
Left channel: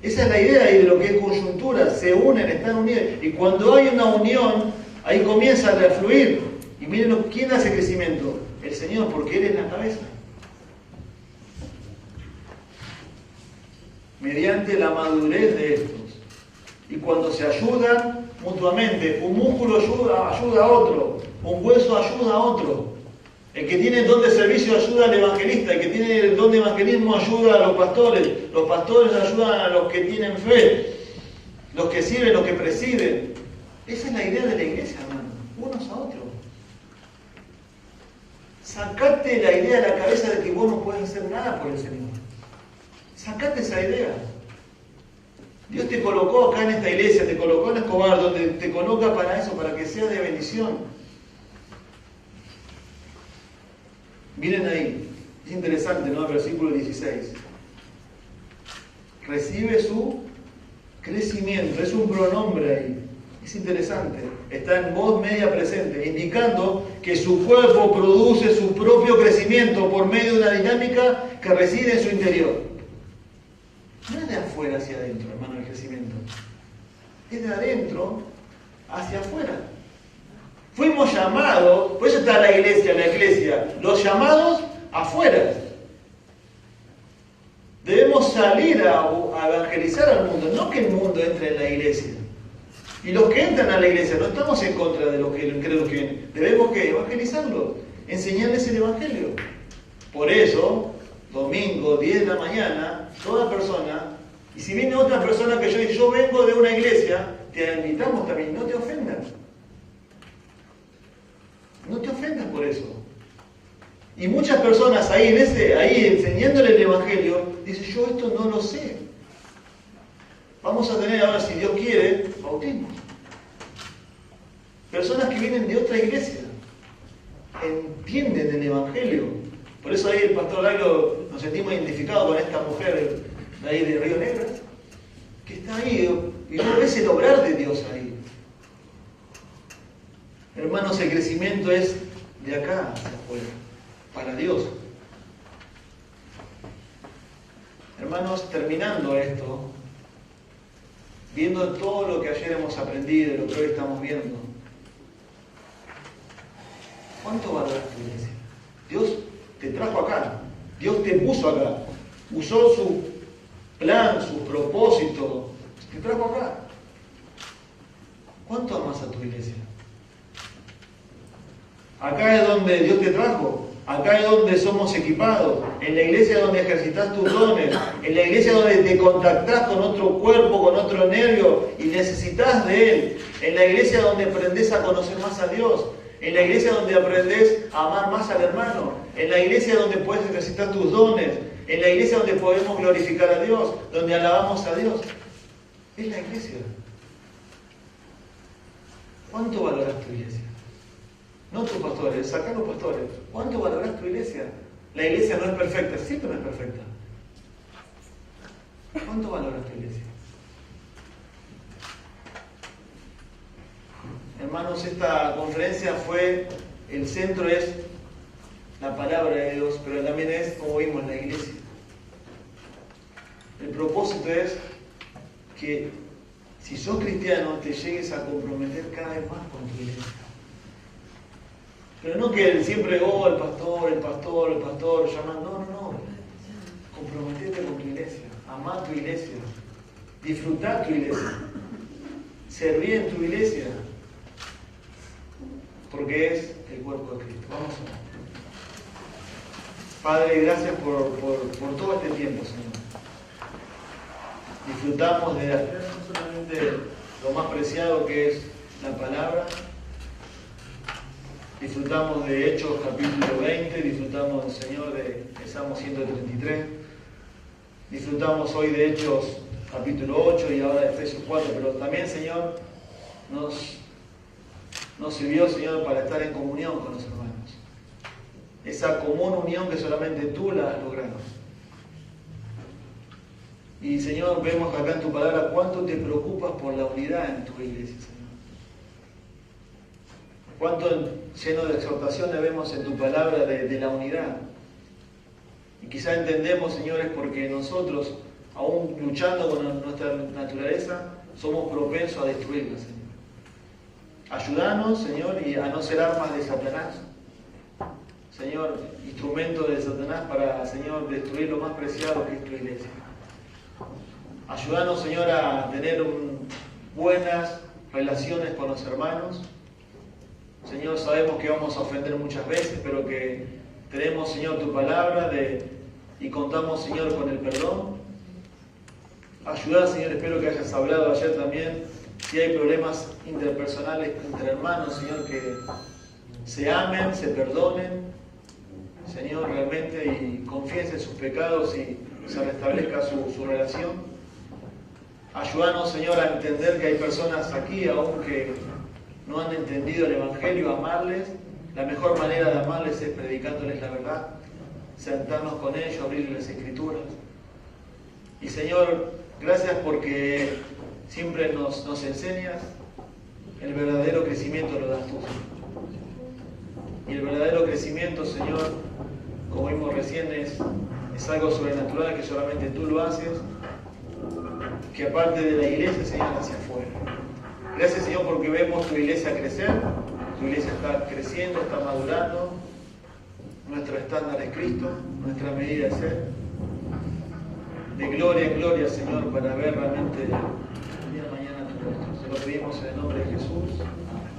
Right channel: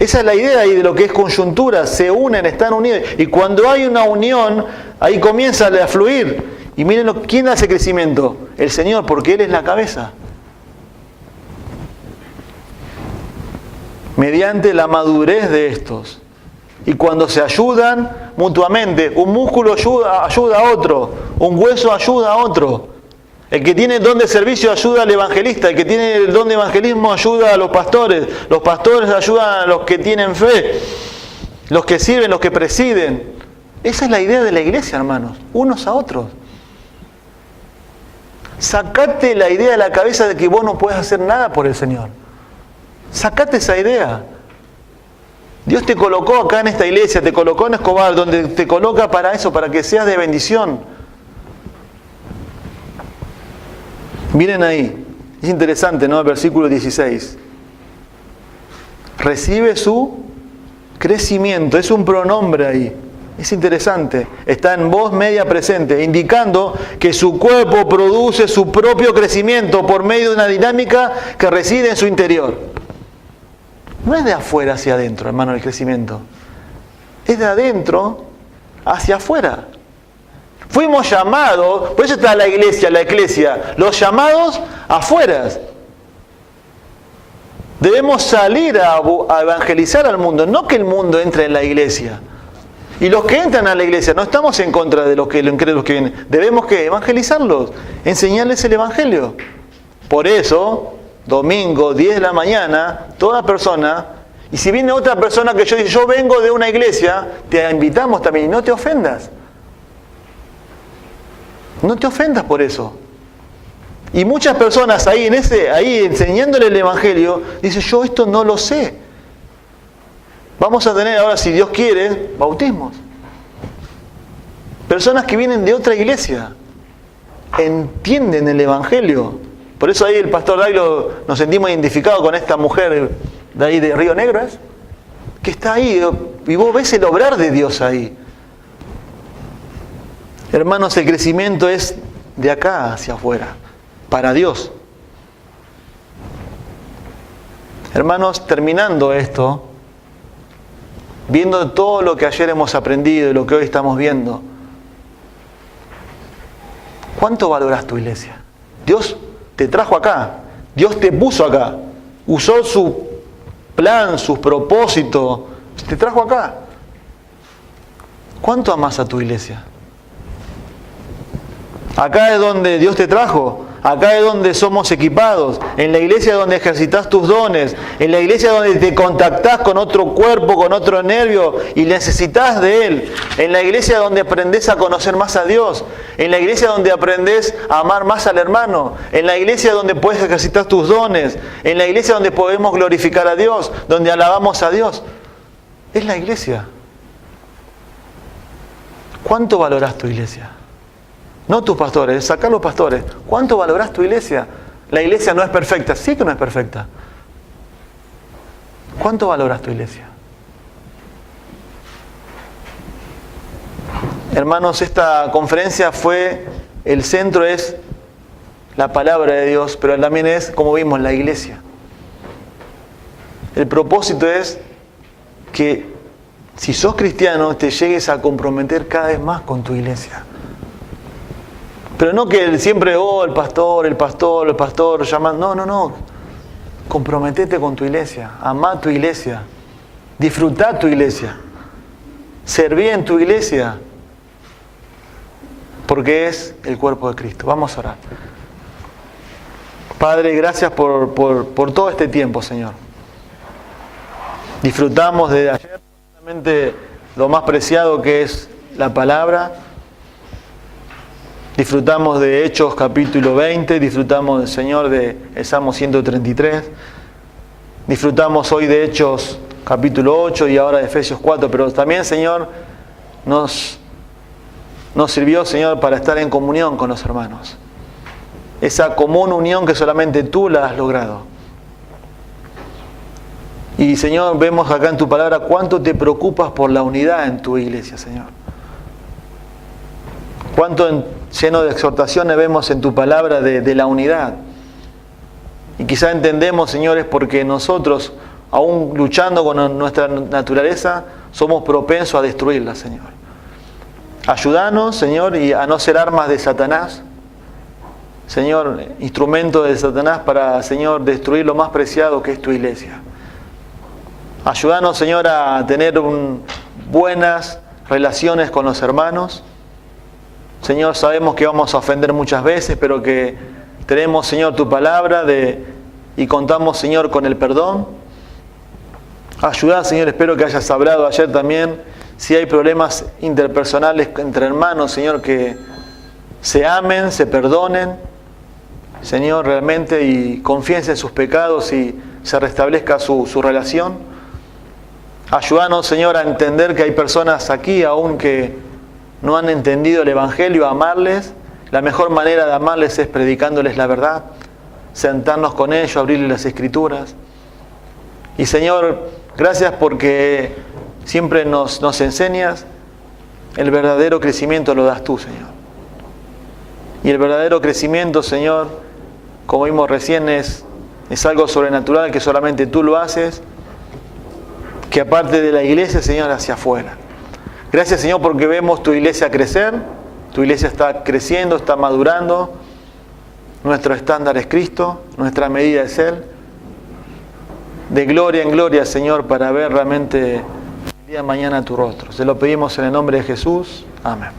Esa es la idea ahí de lo que es coyuntura. Se unen, están unidos. Y cuando hay una unión, ahí comienza a fluir. Y miren, ¿quién hace crecimiento? El Señor, porque Él es la cabeza. Mediante la madurez de estos. Y cuando se ayudan mutuamente, un músculo ayuda a otro, un hueso ayuda a otro. El que tiene el don de servicio ayuda al evangelista, el que tiene el don de evangelismo ayuda a los pastores ayudan a los que tienen fe, los que sirven, los que presiden. Esa es la idea de la iglesia, hermanos, unos a otros. Sacate la idea de la cabeza de que vos no puedes hacer nada por el Señor. Sacate esa idea. Dios te colocó acá en esta iglesia, te colocó en Escobar, donde te coloca para eso, para que seas de bendición. Miren ahí, es interesante, ¿no? El versículo 16. Recibe su crecimiento, es un pronombre ahí. Es interesante, está en voz media presente, indicando que su cuerpo produce su propio crecimiento por medio de una dinámica que reside en su interior. No es de afuera hacia adentro, hermano, el crecimiento. Es de adentro hacia afuera. Fuimos llamados, por eso está la iglesia, los llamados afuera. Debemos salir a evangelizar al mundo, no que el mundo entre en la iglesia. Y los que entran a la iglesia, no estamos en contra de los incrédulos que vienen. Debemos que evangelizarlos, enseñarles el evangelio. Por eso, domingo, 10 de la mañana, toda persona, y si viene otra persona que yo vengo de una iglesia, te invitamos también, no te ofendas. No te ofendas por eso. Y muchas personas ahí enseñándole el Evangelio, dicen, yo esto no lo sé. Vamos a tener ahora, si Dios quiere, bautismos. Personas que vienen de otra iglesia, entienden el Evangelio. Por eso ahí el pastor Dailo nos sentimos identificados con esta mujer de ahí de Río Negro, ¿es? Que está ahí, y vos ves el obrar de Dios ahí. Hermanos, el crecimiento es de acá hacia afuera, para Dios. Hermanos, terminando esto, viendo todo lo que ayer hemos aprendido y lo que hoy estamos viendo, ¿cuánto valoras tu iglesia? Dios te trajo acá, Dios te puso acá, usó su plan, sus propósitos, te trajo acá. ¿Cuánto amas a tu iglesia? Acá es donde Dios te trajo, acá es donde somos equipados, en la iglesia es donde ejercitas tus dones, en la iglesia es donde te contactás con otro cuerpo, con otro nervio y necesitas de Él, en la iglesia es donde aprendes a conocer más a Dios, en la iglesia es donde aprendes a amar más al hermano, en la iglesia es donde puedes ejercitar tus dones, en la iglesia es donde podemos glorificar a Dios, donde alabamos a Dios. Es la iglesia. ¿Cuánto valoras tu iglesia? No tus pastores, sacar los pastores. ¿Cuánto valoras tu iglesia? La iglesia no es perfecta. Sí que no es perfecta. ¿Cuánto valoras tu iglesia? Hermanos, esta conferencia el centro es la palabra de Dios, pero también es, como vimos, la iglesia. El propósito es que si sos cristiano te llegues a comprometer cada vez más con tu iglesia. Pero no que siempre, el pastor, llamando. No. Comprometete con tu iglesia. Amá tu iglesia. Disfrutá tu iglesia. Serví en tu iglesia. Porque es el cuerpo de Cristo. Vamos a orar. Padre, gracias por todo este tiempo, Señor. Disfrutamos de ayer, no solamente lo más preciado que es la palabra. Disfrutamos de Hechos capítulo 20, disfrutamos, Señor, del Salmo 133, disfrutamos hoy de Hechos capítulo 8 y ahora de Efesios 4, pero también, Señor, nos sirvió, Señor, para estar en comunión con los hermanos. Esa común unión que solamente tú la has logrado. Y, Señor, vemos acá en tu palabra cuánto te preocupas por la unidad en tu iglesia, Señor. Cuánto lleno de exhortaciones vemos en tu palabra de la unidad. Y quizá entendemos, señores, porque nosotros, aún luchando con nuestra naturaleza, somos propensos a destruirla, Señor. Ayúdanos, Señor, y a no ser armas de Satanás. Señor, instrumentos de Satanás para, Señor, destruir lo más preciado que es tu iglesia. Ayúdanos, Señor, a tener buenas relaciones con los hermanos. Señor, sabemos que vamos a ofender muchas veces, pero que tenemos, Señor, tu palabra y contamos, Señor, con el perdón. Ayuda, Señor, espero que hayas hablado ayer también. Si hay problemas interpersonales entre hermanos, Señor, que se amen, se perdonen, Señor, realmente, y confiesen en sus pecados y se restablezca su relación. Ayúdanos, Señor, a entender que hay personas aquí aún que no han entendido el Evangelio, a amarles. La mejor manera de amarles es predicándoles la verdad, sentarnos con ellos, abrirles las Escrituras. Y, Señor, gracias porque siempre nos enseñas. El verdadero crecimiento lo das tú, Señor. Y el verdadero crecimiento, Señor, como vimos recién, es algo sobrenatural que solamente tú lo haces, que aparte de la iglesia, Señor, hacia afuera. Gracias, Señor, porque vemos tu iglesia crecer, tu iglesia está creciendo, está madurando, nuestro estándar es Cristo, nuestra medida es Él. De gloria en gloria, Señor, para ver realmente el día de mañana tu rostro. Se lo pedimos en el nombre de Jesús. Amén.